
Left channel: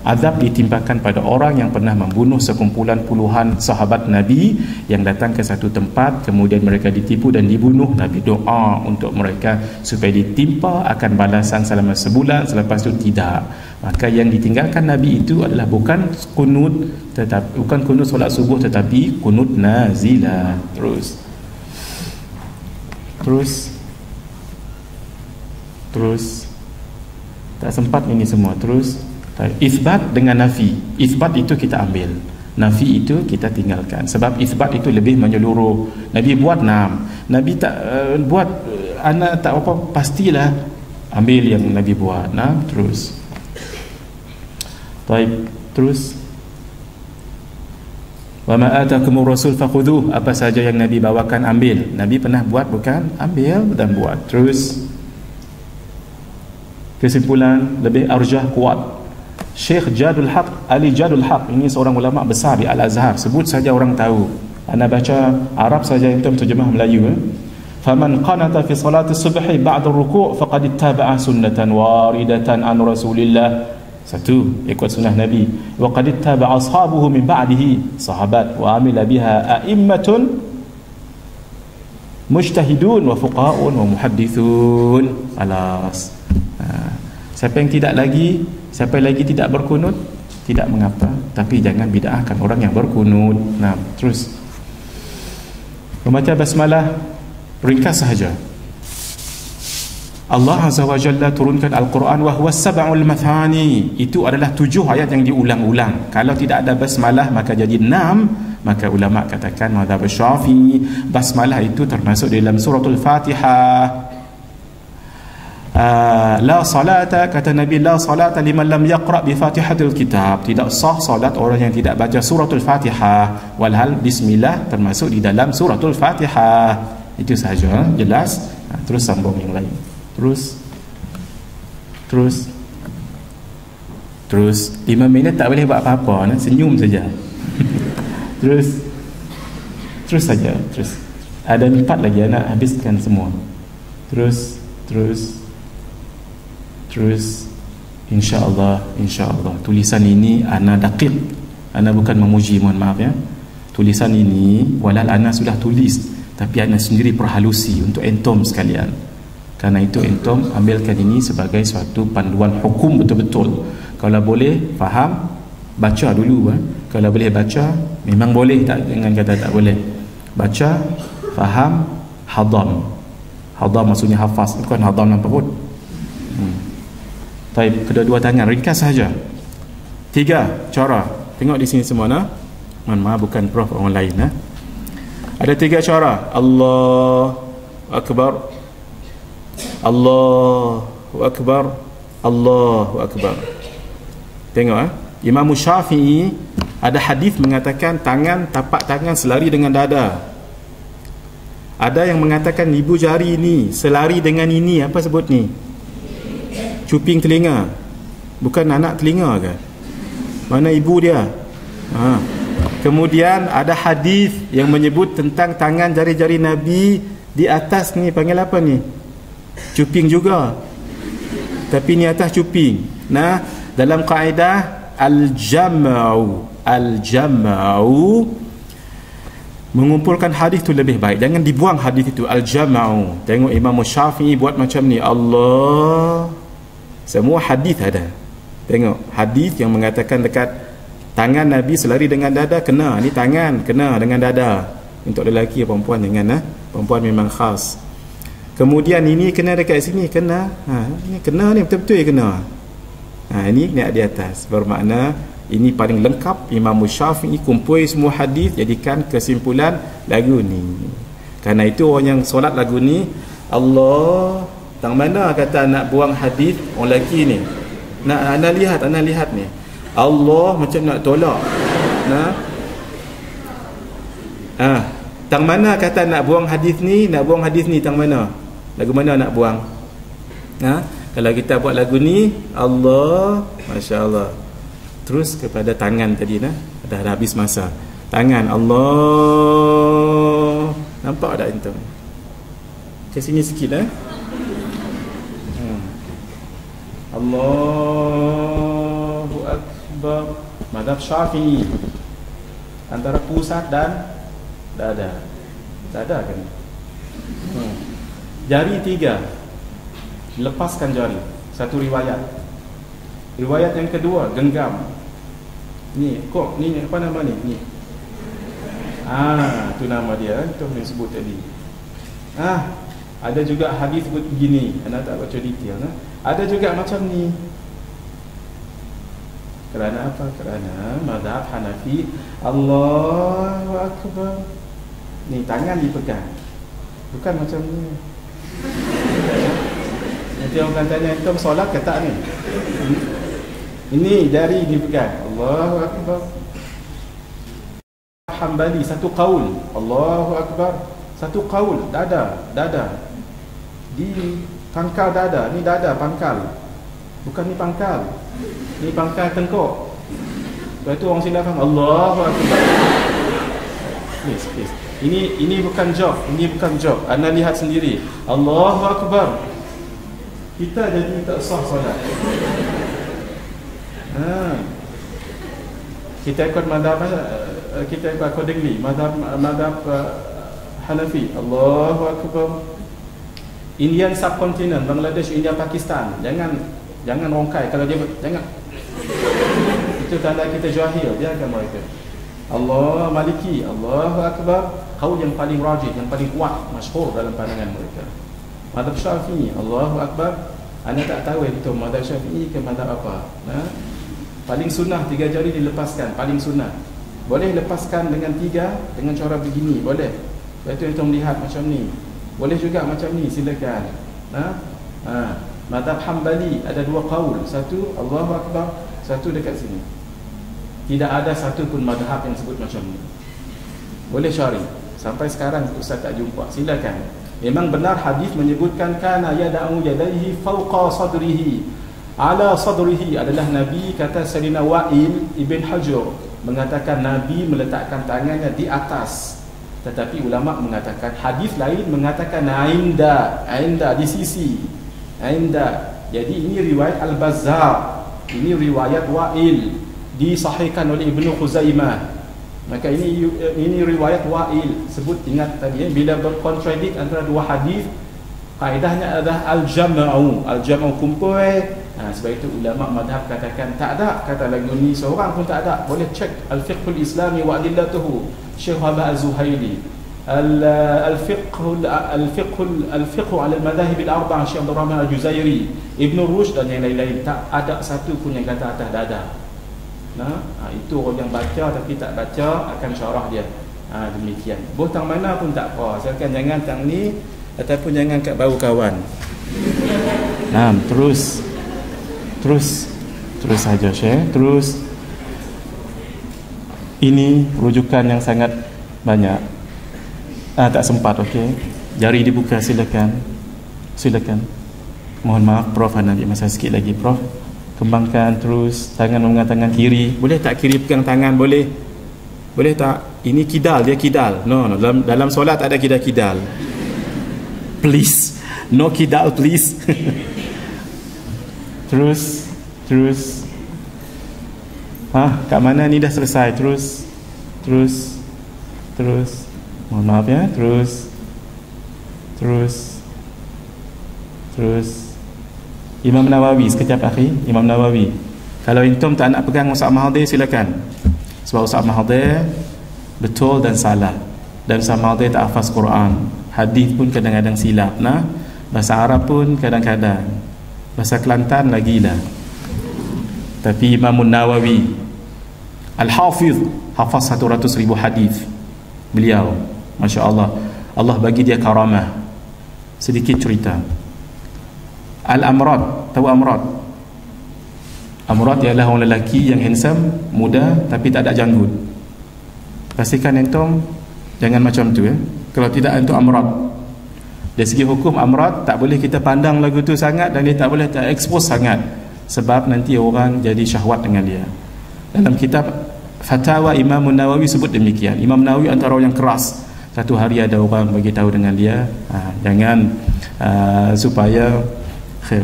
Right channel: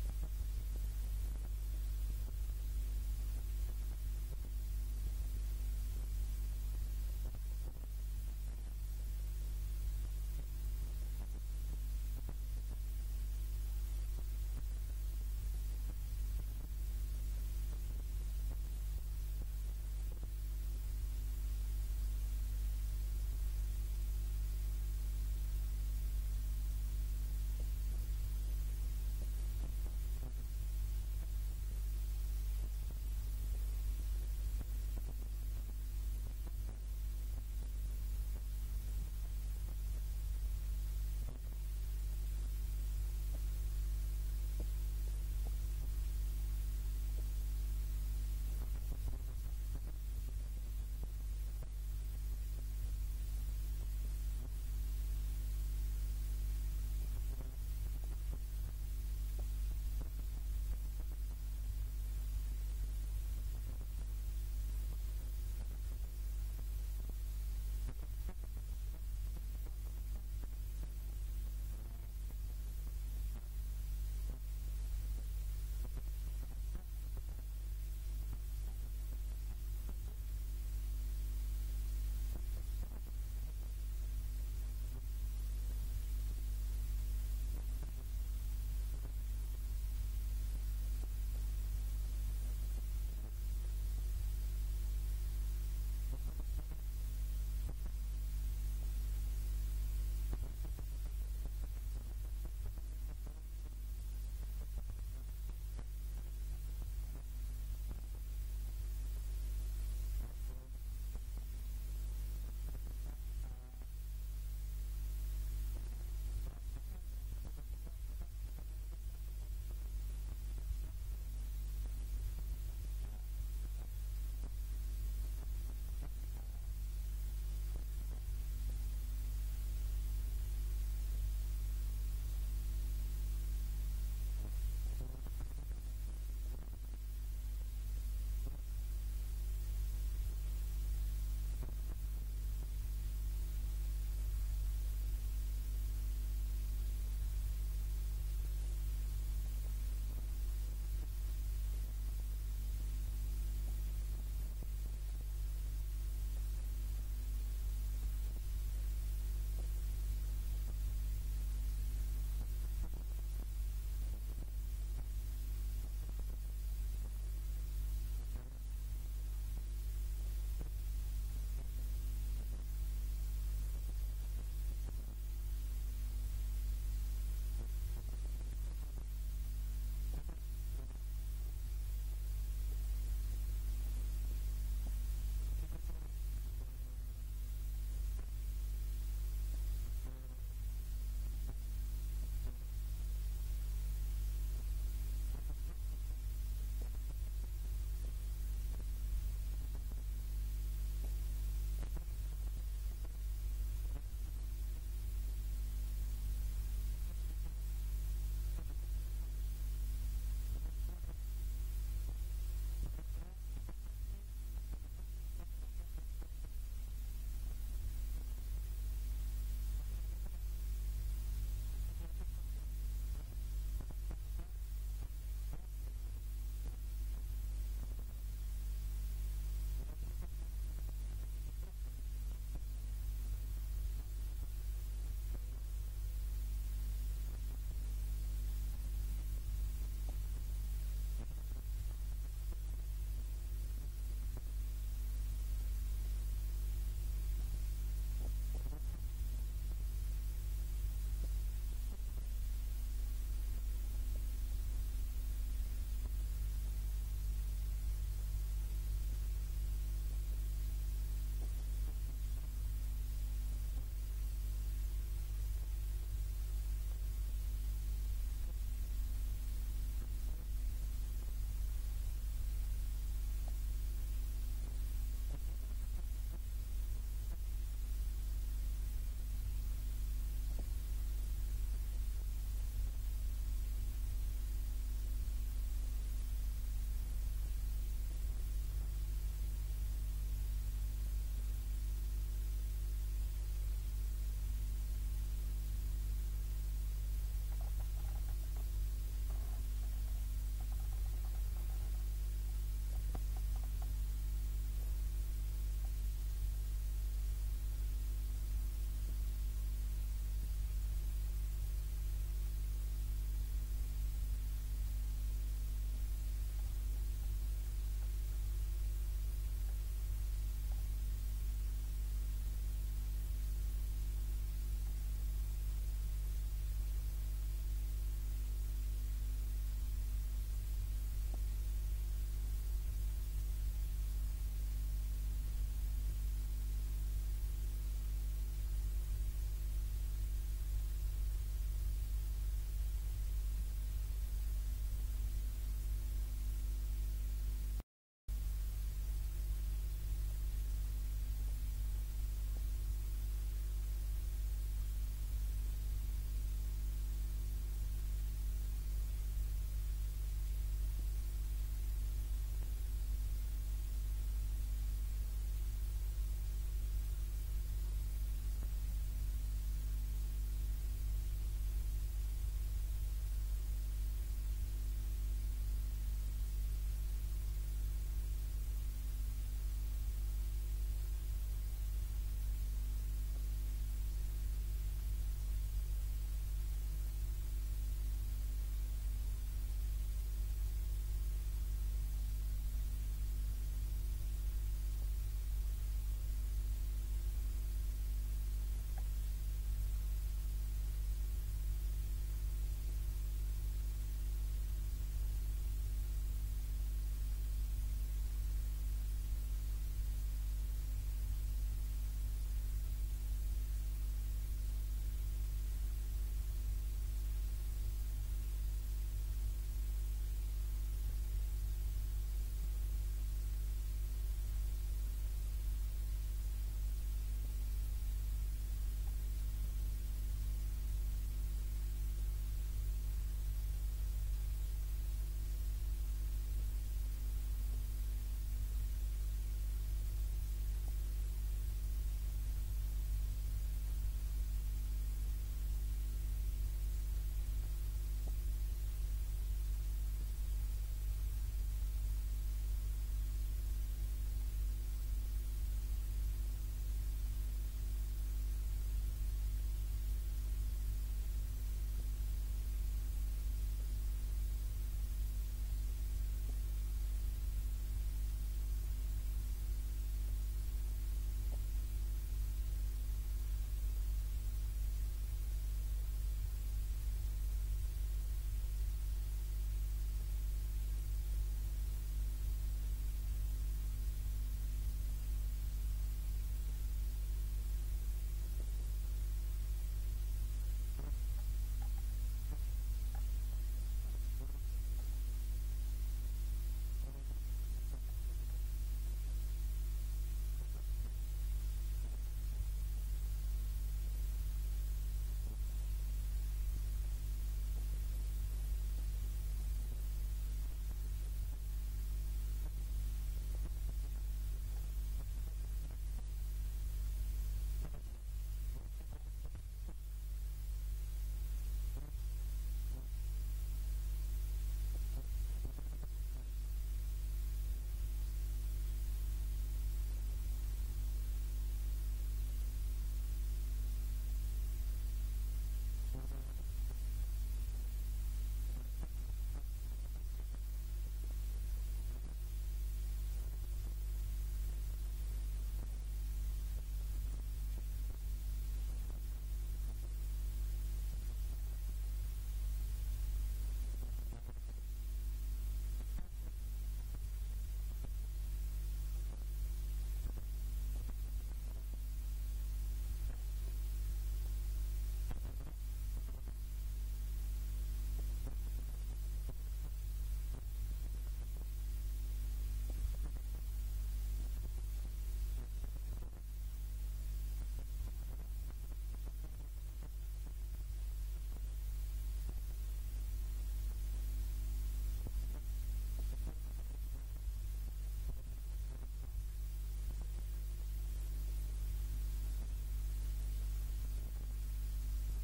azab ditimpakan pada orang yang pernah membunuh sekumpulan puluhan sahabat Nabi yang datang ke satu tempat, kemudian mereka ditipu dan dibunuh. Nabi doa untuk mereka supaya ditimpa akan balasan selama sebulan, selepas itu tidak. Maka yang ditinggalkan Nabi itu adalah bukan kunut solat subuh, tetapi kunut nazilah. Terus tak sempat ini semua. Terus isbat dengan nafi. Isbat itu kita ambil, nafi itu kita tinggalkan. Sebab isbat itu lebih menyeluruh. Nabi buat 6, Nabi tak buat anak tak apa, pastilah ambil yang Nabi buat. Terus wa ma atakumur rasul fakhudhuh, apa saja yang Nabi bawakan ambil. Nabi pernah buat bukan? Ambil dan buat. Terus kesimpulan lebih arjah kuat, Syekh Jadul Haq, Ali Jadul Haq, ini seorang ulama besar di Al-Azhar, sebut saja orang tahu. Ana baca Arab saja, itu terjemah Melayu. Faman qanata fi salati subhi ba'da ruku' faqad ittaba'a sunnatan waridatan an Rasulillah. Satu, ikut sunnah Nabi. Wa qad ittaba'a ashabuhu min ba'dihi, sahabat, wa amila biha a'immatun mujtahidun wa fuqaha'un wa muhaddithun. Alas. Siapa yang tidak berkunut, tidak mengapa, tapi jangan bid'ahkan orang yang berkunut. Terus membaca basmalah ringkas sahaja. Allah Azza wa Jalla turunkan Al-Quran wa huwa sab'ul mathani, itu adalah 7 ayat yang diulang-ulang. Kalau tidak ada basmalah maka jadi 6. Maka ulama katakan mazhab Syafi'i, basmalah itu termasuk dalam suratul Fatihah. La salata, kata Nabi, la salata liman lam yaqra' bi Fatihatil Kitab, tidak sah salat orang yang tidak baca suratul Fatihah. Walhal bismillah termasuk di dalam suratul Fatihah. Itu sahaja, jelas. Terus sambung yang lain. Terus 5 minit tak boleh buat apa-apa, senyum saja. Terus saja. Ada 4 lagi, nak habiskan semua. Terus insya-Allah tulisan ini ana daqiq, ana bukan memuji, mohon maaf ya. Tulisan ini walal ana sudah tulis, tapi ana sendiri perhalusi untuk entom sekalian. Karena itu entom ambilkan ini sebagai suatu panduan hukum betul-betul. Kalau boleh faham, baca dulu. Kalau boleh baca, memang boleh, tak dengan kata tak boleh. Baca, faham, hadam. Hadam maksudnya hafaz, bukan hadam dalam perut. Baik, kedua-dua tangan, ringkas saja. 3 cara. Tengok di sini semua Mohon maaf, bukan prof, orang lain Ada 3 cara. Allahu Akbar, Allahu Akbar, Allahu Akbar. Tengok Imam Syafi'i ada hadis mengatakan tapak tangan selari dengan dada. Ada yang mengatakan ibu jari ini selari dengan ini, apa sebut ni? Cuping telinga. Bukan anak telinga ke? Mana ibu dia? Kemudian ada hadis yang menyebut tentang tangan jari-jari Nabi di atas ni, panggil apa ni? Cuping juga, tapi ni atas cuping. Dalam kaedah al-jam'u mengumpulkan hadis tu lebih baik, jangan dibuang hadis itu. Al-jam'u, tengok Imam Syafi'i buat macam ni, Allah, semua hadis ada, Tengok hadis yang mengatakan dekat tangan Nabi selari dengan dada, kena. Ni tangan kena dengan dada. Untuk lelaki perempuan jangan, perempuan memang khas. Kemudian ini kena dekat sini, kena. Ini kena ni betul-betul kena. Ini naik di atas. Bermakna ini paling lengkap. Imam Syafi'i kumpul semua hadis, jadikan kesimpulan lagu ni. Karena itu orang yang solat lagu ni, Allah, tang mana kata nak buang hadis orang lelaki ni. Nak lihat ni. Allah macam nak tolak. Tang mana kata nak buang hadis ni, tang mana? Lagu mana nak buang? Kalau kita buat lagu ni, Allah, masya-Allah. Terus kepada tangan tadi dah habis masa. Tangan Allah. Nampak tak itu? Ke sini sikit Allahu Akbar. Mazhab Syafi'i antara pusat dan dada. Dada kan? Jari 3 lepaskan jari. Satu riwayat. Riwayat yang kedua genggam. Ni apa nama ni? Ni. Tu nama dia. Itu yang sebut tadi. Ada juga hadis sebut begini. Anda tak baca detail. Ada juga macam ni. Kerana apa? Kerana mazhab Hanafi, Allahu Akbar. Ni tangan dipegang. Bukan macam ni. Nanti orang akan tanya, "Antum solat ke tak ni?" Ini jari dipegang. Allahu Akbar. Hambali satu qaul. Allahu Akbar. Satu qaul. Dada. Di pangkal dada. Ni dada pangkal. Bukan ni pangkal. Ni pangkal tengkuk. Lepas tu orang silap faham. Allahu Akbar. Please. Ini bukan joke. Anda lihat sendiri. Allahu Akbar. Kita jadi tak sah solat. Kita ikut madhab, kita ikut accordingly madhab Hanafi. Allahu Akbar. Indian subcontinent, Bangladesh, India, Pakistan, jangan rongkai kalau dia jangan. Itu tanda kita jahil, biarkan mereka. Allah Maliki, Allahu Akbar. Qaul yang paling rajih, yang paling kuat, masyhur dalam pandangan mereka. Madhab Syafi'i, Allahu Akbar. Anda tak tahu itu madhab Syafi'i ke madhab apa. Paling sunnah 3 jari dilepaskan, paling sunnah. Boleh lepaskan dengan 3 dengan cara begini, boleh. Lepas tu kita melihat macam ni. Boleh juga macam ni, silakan. Madhab Hambali ada 2 qaul, satu Allahu Akbar, satu dekat sini. Tidak ada satu pun madhab yang sebut macam ni. Boleh cari. Sampai sekarang Ustaz tak jumpa. Silakan. Memang benar hadis menyebutkan kana yada'u yadayhi fawqa sadrihi. Ala sadrihi adalah Nabi, kata Sayyidina Wa'il Ibn Hajar mengatakan Nabi meletakkan tangannya di atas. Tetapi ulama mengatakan hadis lain mengatakan ainda di sisi. Ainda. Jadi ini riwayat Al-Bazzar. Ini riwayat Wa'il disahihkan oleh Ibnu Khuzaimah. Maka ini riwayat Wa'il. Sebut, ingat tadi bila berkontradik antara 2 hadis, kaedahnya adalah al-jam'u kumpul. Sebab itu ulama madhab katakan tak ada kata lagu ni seorang pun tak ada. Boleh cek al-fiqhul islami wa adillatuhu Syekh Wahab Az-Zuhaili, al-fiqh ala al-madahib al-arba'ah Syekh Abdul Rahman Al-Juzairi, Ibn Rushd dan yang lain-lain. Tak ada satu pun yang kata atas dada. Itu orang yang baca tapi tak baca akan syarah dia. Demikian. Botang mana pun tak apa. Asalkan jangan tang ni ataupun jangan kat bau kawan. Terus saja Syekh. Terus ini rujukan yang sangat banyak. Tak sempat, okey. Jari dibuka, silakan. Mohon maaf Prof, nak ambil masa sikit lagi Prof. Kembangkan terus tangan tangan kiri. Boleh tak kiri pegang tangan? Boleh tak? Ini kidal, dia kidal. No. Dalam solat tak ada kidal. Please. No kidal please. Terus. Kat mana ni dah selesai? Terus. Mohon maaf ya. Terus. Imam Nawawi sekejap akhi. Imam Nawawi. Kalau antum tak nak pegang Ustaz Mahathir, silakan. Sebab Ustaz Mahathir betul dan salah. Dan Ustaz Mahathir tak hafaz Quran, hadis pun kadang-kadang silap, nah. Bahasa Arab pun kadang-kadang, bahasa Kelantan lagilah. Tapi Imam Nawawi Al-Hafiz hafaz 100,000 hadis. Beliau, Masya Allah, Allah bagi dia karamah. Sedikit cerita. Al-Amrad, tahu Amrad? Amrad ialah orang lelaki yang handsome, muda tapi tak ada janggut. Pastikan antum jangan macam tu, ya. Kalau tidak, antum Amrad. Dari segi hukum Amrad tak boleh kita pandang lagu tu sangat, dan dia tak boleh tak expose sangat, sebab nanti orang jadi syahwat dengan dia. Dalam kitab Fatwa Imam Nawawi sebut demikian. Imam Nawawi antara orang yang keras. Satu hari ada orang bagi tahu dengan dia, jangan supaya khair.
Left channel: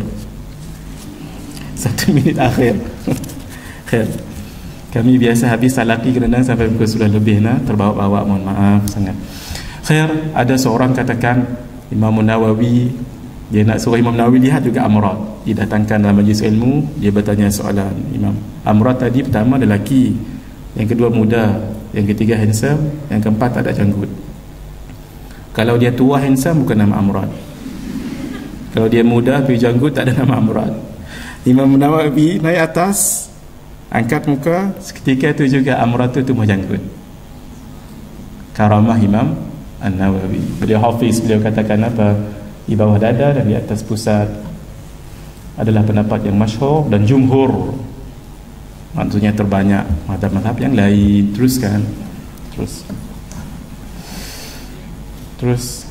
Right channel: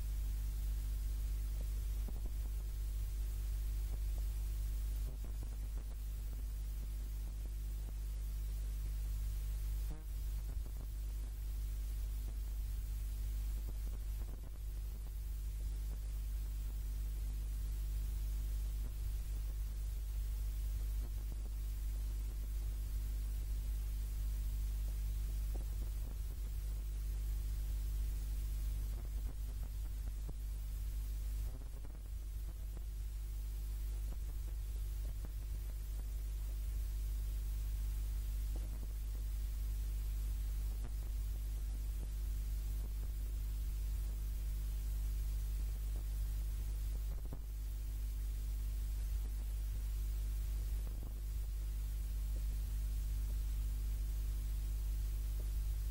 1 minit akhir. Khair. Kami biasa habis salaki kadang-kadang sampai pukul 10 lebih, terbawa-bawa, mohon maaf sangat. Khair, ada seorang katakan Imam Nawawi, dia nak suruh Imam Nawawi lihat juga Amrad. Didatangkan dalam majlis ilmu, dia bertanya soalan. Imam Amrad tadi pertama lelaki, yang kedua muda, yang ketiga handsome, yang keempat tak ada janggut. Kalau dia tua handsome, bukan nama Amrad. Kalau dia muda tapi janggut, tak ada nama Amrad. Imam Nawawi naik atas, angkat muka, seketika itu juga Amrad itu tumbuh janggut. Karamah Imam An-Nawawi. Beliau hafiz, beliau katakan apa? Di bawah dada dan di atas pusat adalah pendapat yang masyhur dan jumhur, maksudnya terbanyak mazhab-mazhab yang lain. Teruskan. Terus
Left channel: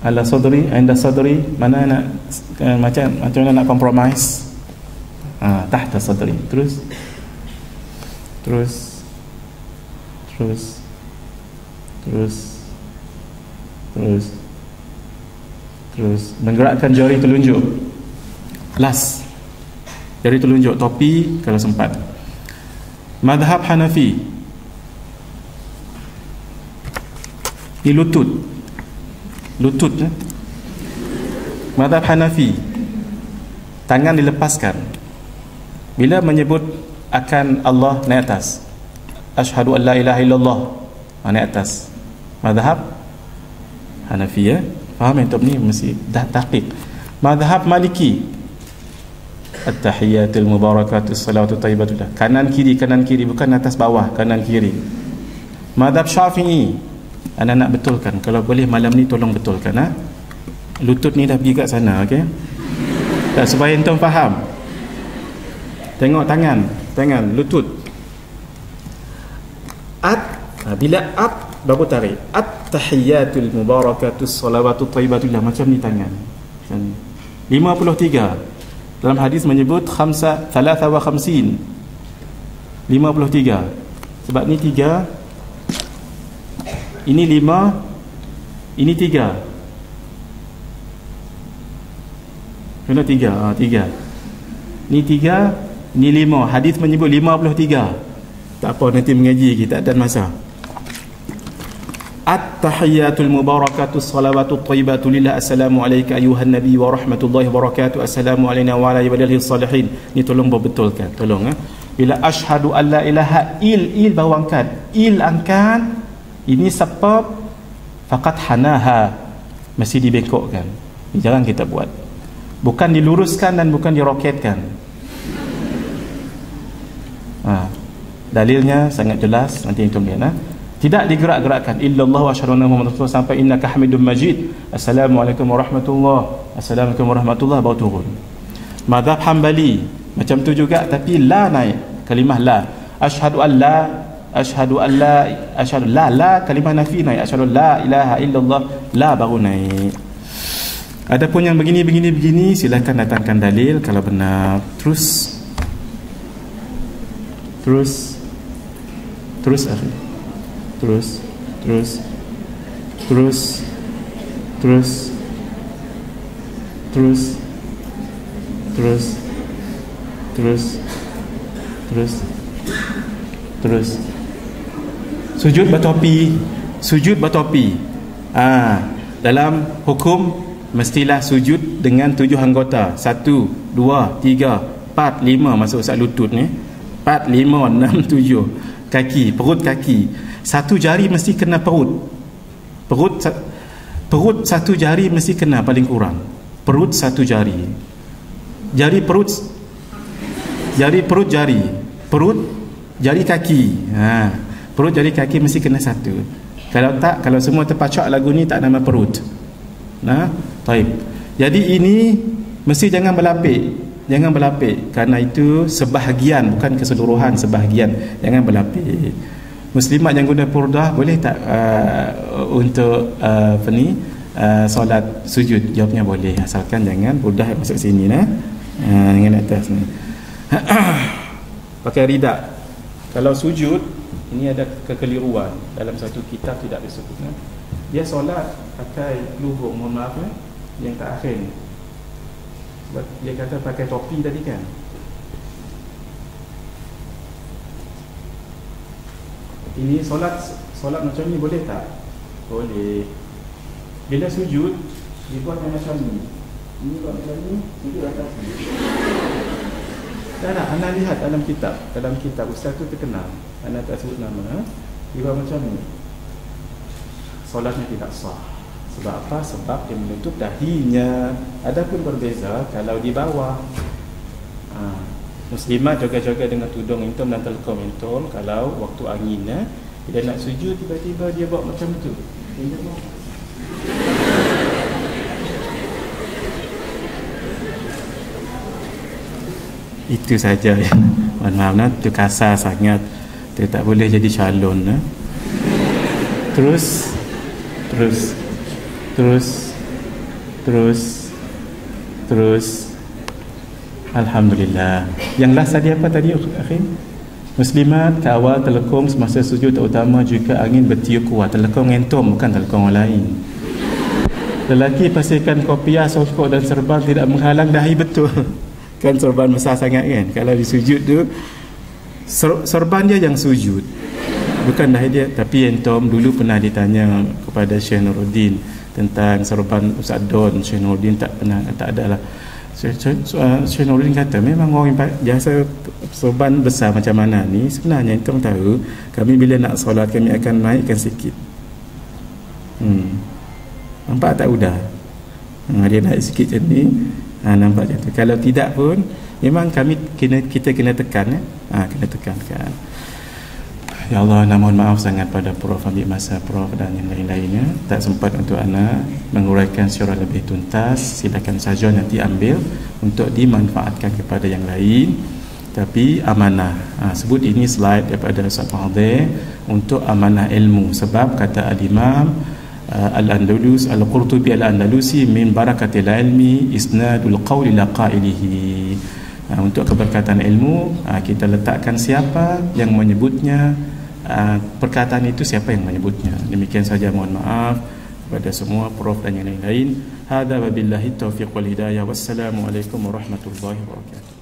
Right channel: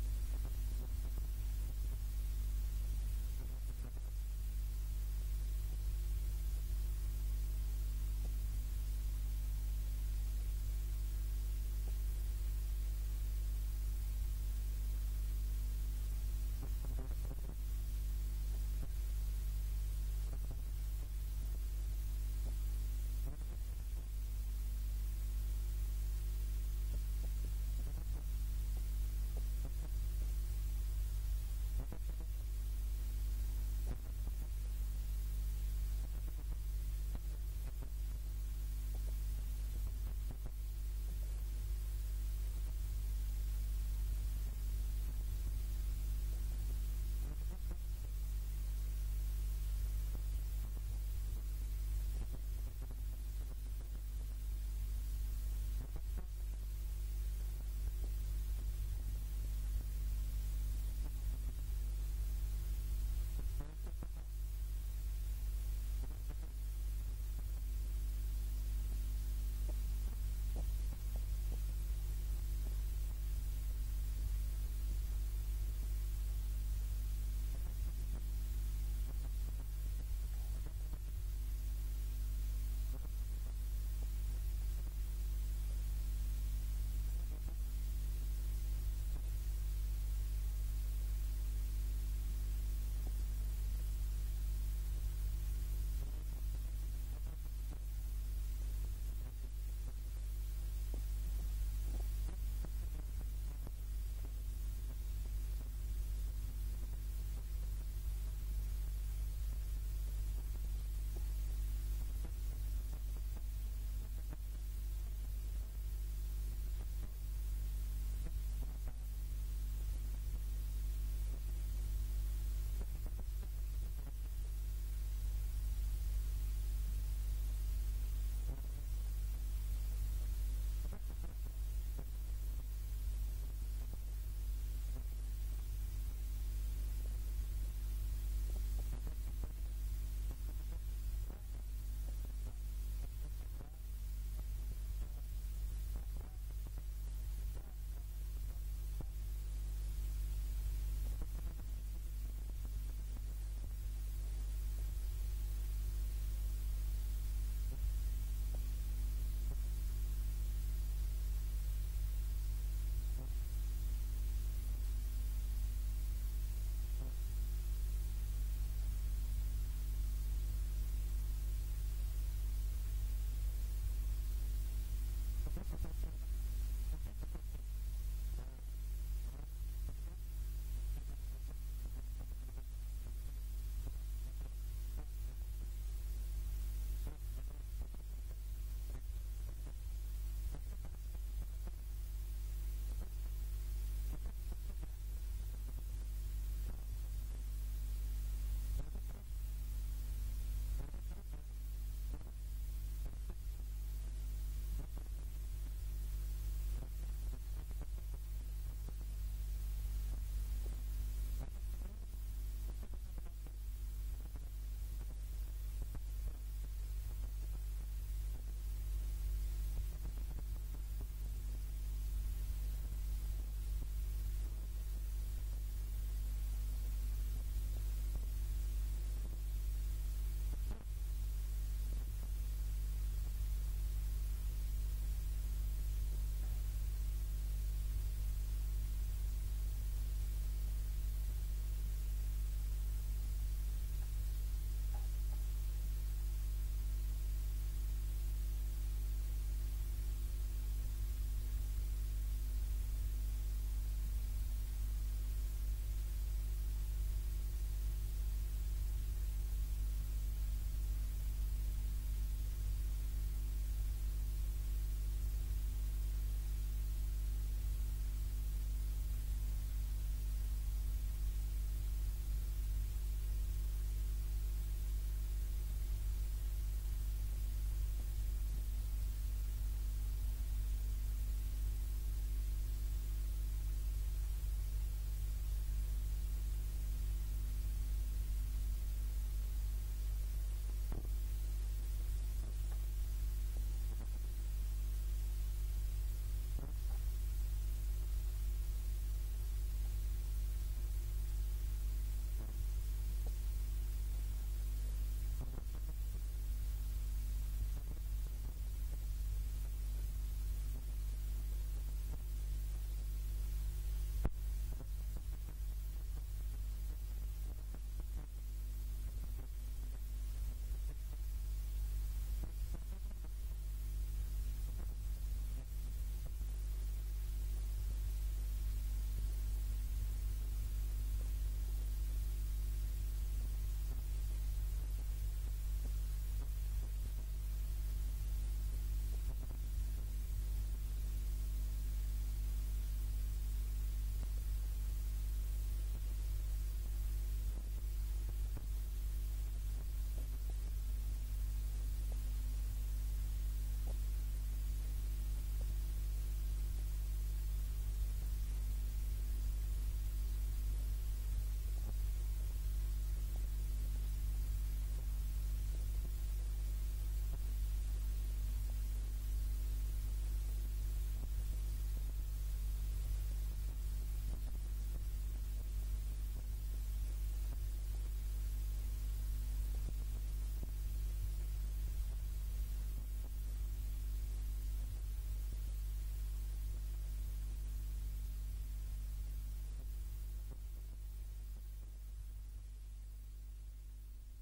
ala sadri, anda sadri, mana nak macam mana nak compromise? Tahta sadri. Terus menggerakkan jari telunjuk. Last, jari telunjuk, topi kalau sempat. Madhab Hanafi, di lutut ya. Madhab Hanafi, tangan dilepaskan bila menyebut akan Allah, naik atas. Asyhadu an la ilaha illallah, naik atas. Madhab Hanafi, ya. Faham yang ni mesti dah tahqiq. Madhab Maliki, at-tahiyatul mubarakatus salawatut thayyibatullah, kanan kiri, bukan atas bawah, kanan kiri. Madhab Syafi'i, anda nak betulkan, kalau boleh malam ni tolong betulkan, lutut ni dah pergi kat sana, okey? Tak, supaya antum faham. Tengok tangan, lutut. Bila baru tarik. At-tahiyatul mubarakatus salawatut thayyibatullah, macam ni tangan. 53. Dalam hadis menyebut 53. 53. Sebab ni 3, ini 5, ini 3. Kena 3. 3. Ni 3, ni 5. Hadis menyebut 53. Tak apa, nanti mengaji kita dan masa. At-tahiyatul mubarakatus salawatut thayyibatu lillah, assalamu alayka ayuhan nabi wa rahmatullahi wa barakatuh, assalamu alayna wa ala ibadillahis salihin. Ni tolong betulkan, tolong. Bila asyhadu an la ilaha il bawah angkat, angkat, ini sebab faqat hanaha, mesti dibengkokkan. Ini jangan kita buat. Bukan diluruskan dan bukan diroketkan. Dalilnya sangat jelas, nanti itu lihat. Tidak digerak-gerakkan. Illallah wa asyhadu anna Muhammadar Rasulullah sampai innaka Hamidum Majid. Assalamualaikum warahmatullahi. Assalamualaikum warahmatullahi, baru turun. Mazhab Hambali macam tu juga, tapi la naik. Kalimah la. Asyhadu an la, kalimah nafi naik. Asyhadu la ilaha illallah, la baru naik. Ada pun yang begini, silakan datangkan dalil kalau benar. Terus akhir. Terus sujud bertopi. Dalam hukum mestilah sujud dengan 7 anggota. 1, 2, 3, 4, 5 masuk Ustaz lutut ni. 4, 5, 6, 7. Kaki, perut kaki. Satu jari mesti kena perut. Perut satu jari mesti kena paling kurang. Perut satu jari. Jari perut jari. Perut jari kaki. Perut jari kaki mesti kena satu. Kalau tak, kalau semua terpacak lagu ni tak nama perut. Baik. Jadi ini mesti jangan berlapik. Jangan berlapik, kerana itu sebahagian, bukan keseluruhan, sebahagian. Jangan berlapik. Muslimat yang guna purdah boleh tak untuk solat sujud? Jawabnya boleh, asalkan jangan purdah masuk sini dengan atas ni. Pakai ridak. Kalau sujud, ini ada kekeliruan dalam satu kitab tidak disebutkan. Dia solat pakai lubuk, mohon maaf yang tak akhir ni. Sebab dia kata pakai topi tadi kan. Ini solat macam ni boleh tak? Boleh. Bila sujud, dibuat macam ni. Ini buat macam ni, sujud atas ni. Tak, anda lihat dalam kitab ustaz tu terkenal. Anda tak sebut nama. Dia buat macam ni. Solatnya tidak sah. Sebab apa? Sebab dia menutup dahinya. Adapun berbeza kalau di bawah. Muslimat jaga-jaga dengan tudung intom dan telkom intom. Kalau waktu angin dia nak sujud, tiba-tiba dia buat macam tu. Itu saja. Mohon maaf, itu kasar sangat. Itu tak boleh jadi calon. Terus Alhamdulillah. Yang last tadi apa tadi akhir? Muslimat kawal telekong semasa sujud, terutama jika angin bertiup kuat. Telekong entom, bukan telekong orang lain. Lelaki pastikan kopiah, sokok dan serban tidak menghalang dahi, betul. Kan serban besar sangat kan. Kalau di sujud tu serban dia yang sujud, bukan dahi dia. Tapi entom dulu pernah ditanya kepada Syekh Nuruddin tentang serban Ustaz Don. Syekh Nuruddin tak adalah. Syekh Nuruddin kata memang orang biasa serban besar macam mana ni, sebenarnya entom tahu kami bila nak solat kami akan naikkan sikit. Nampak tak udah? Dia naik sikit macam ni. Nampak macam tu. Kalau tidak pun memang kita kena tekan kena tekankan. Ya Allah, mohon maaf sangat pada Prof, ambil masa Prof dan yang lain-lainnya. Tak sempat untuk Ana menguraikan secara lebih tuntas. Silakan saja nanti ambil untuk dimanfaatkan kepada yang lain. Tapi amanah, sebut ini slide daripada Ustaz Fadhil untuk amanah ilmu. Sebab kata Al-Imam Al-Andalus Al-Qurtubi Al-Andalusi, min barakatil ilmi isnadul qawli la qailihi. Untuk keberkatan ilmu, kita letakkan siapa yang menyebutnya, perkataan itu siapa yang menyebutnya. Demikian saja, mohon maaf kepada semua Prof dan yang lain-lain. Hadza wabillahi taufiq wal hidayah. Wassalamualaikum warahmatullahi wabarakatuh.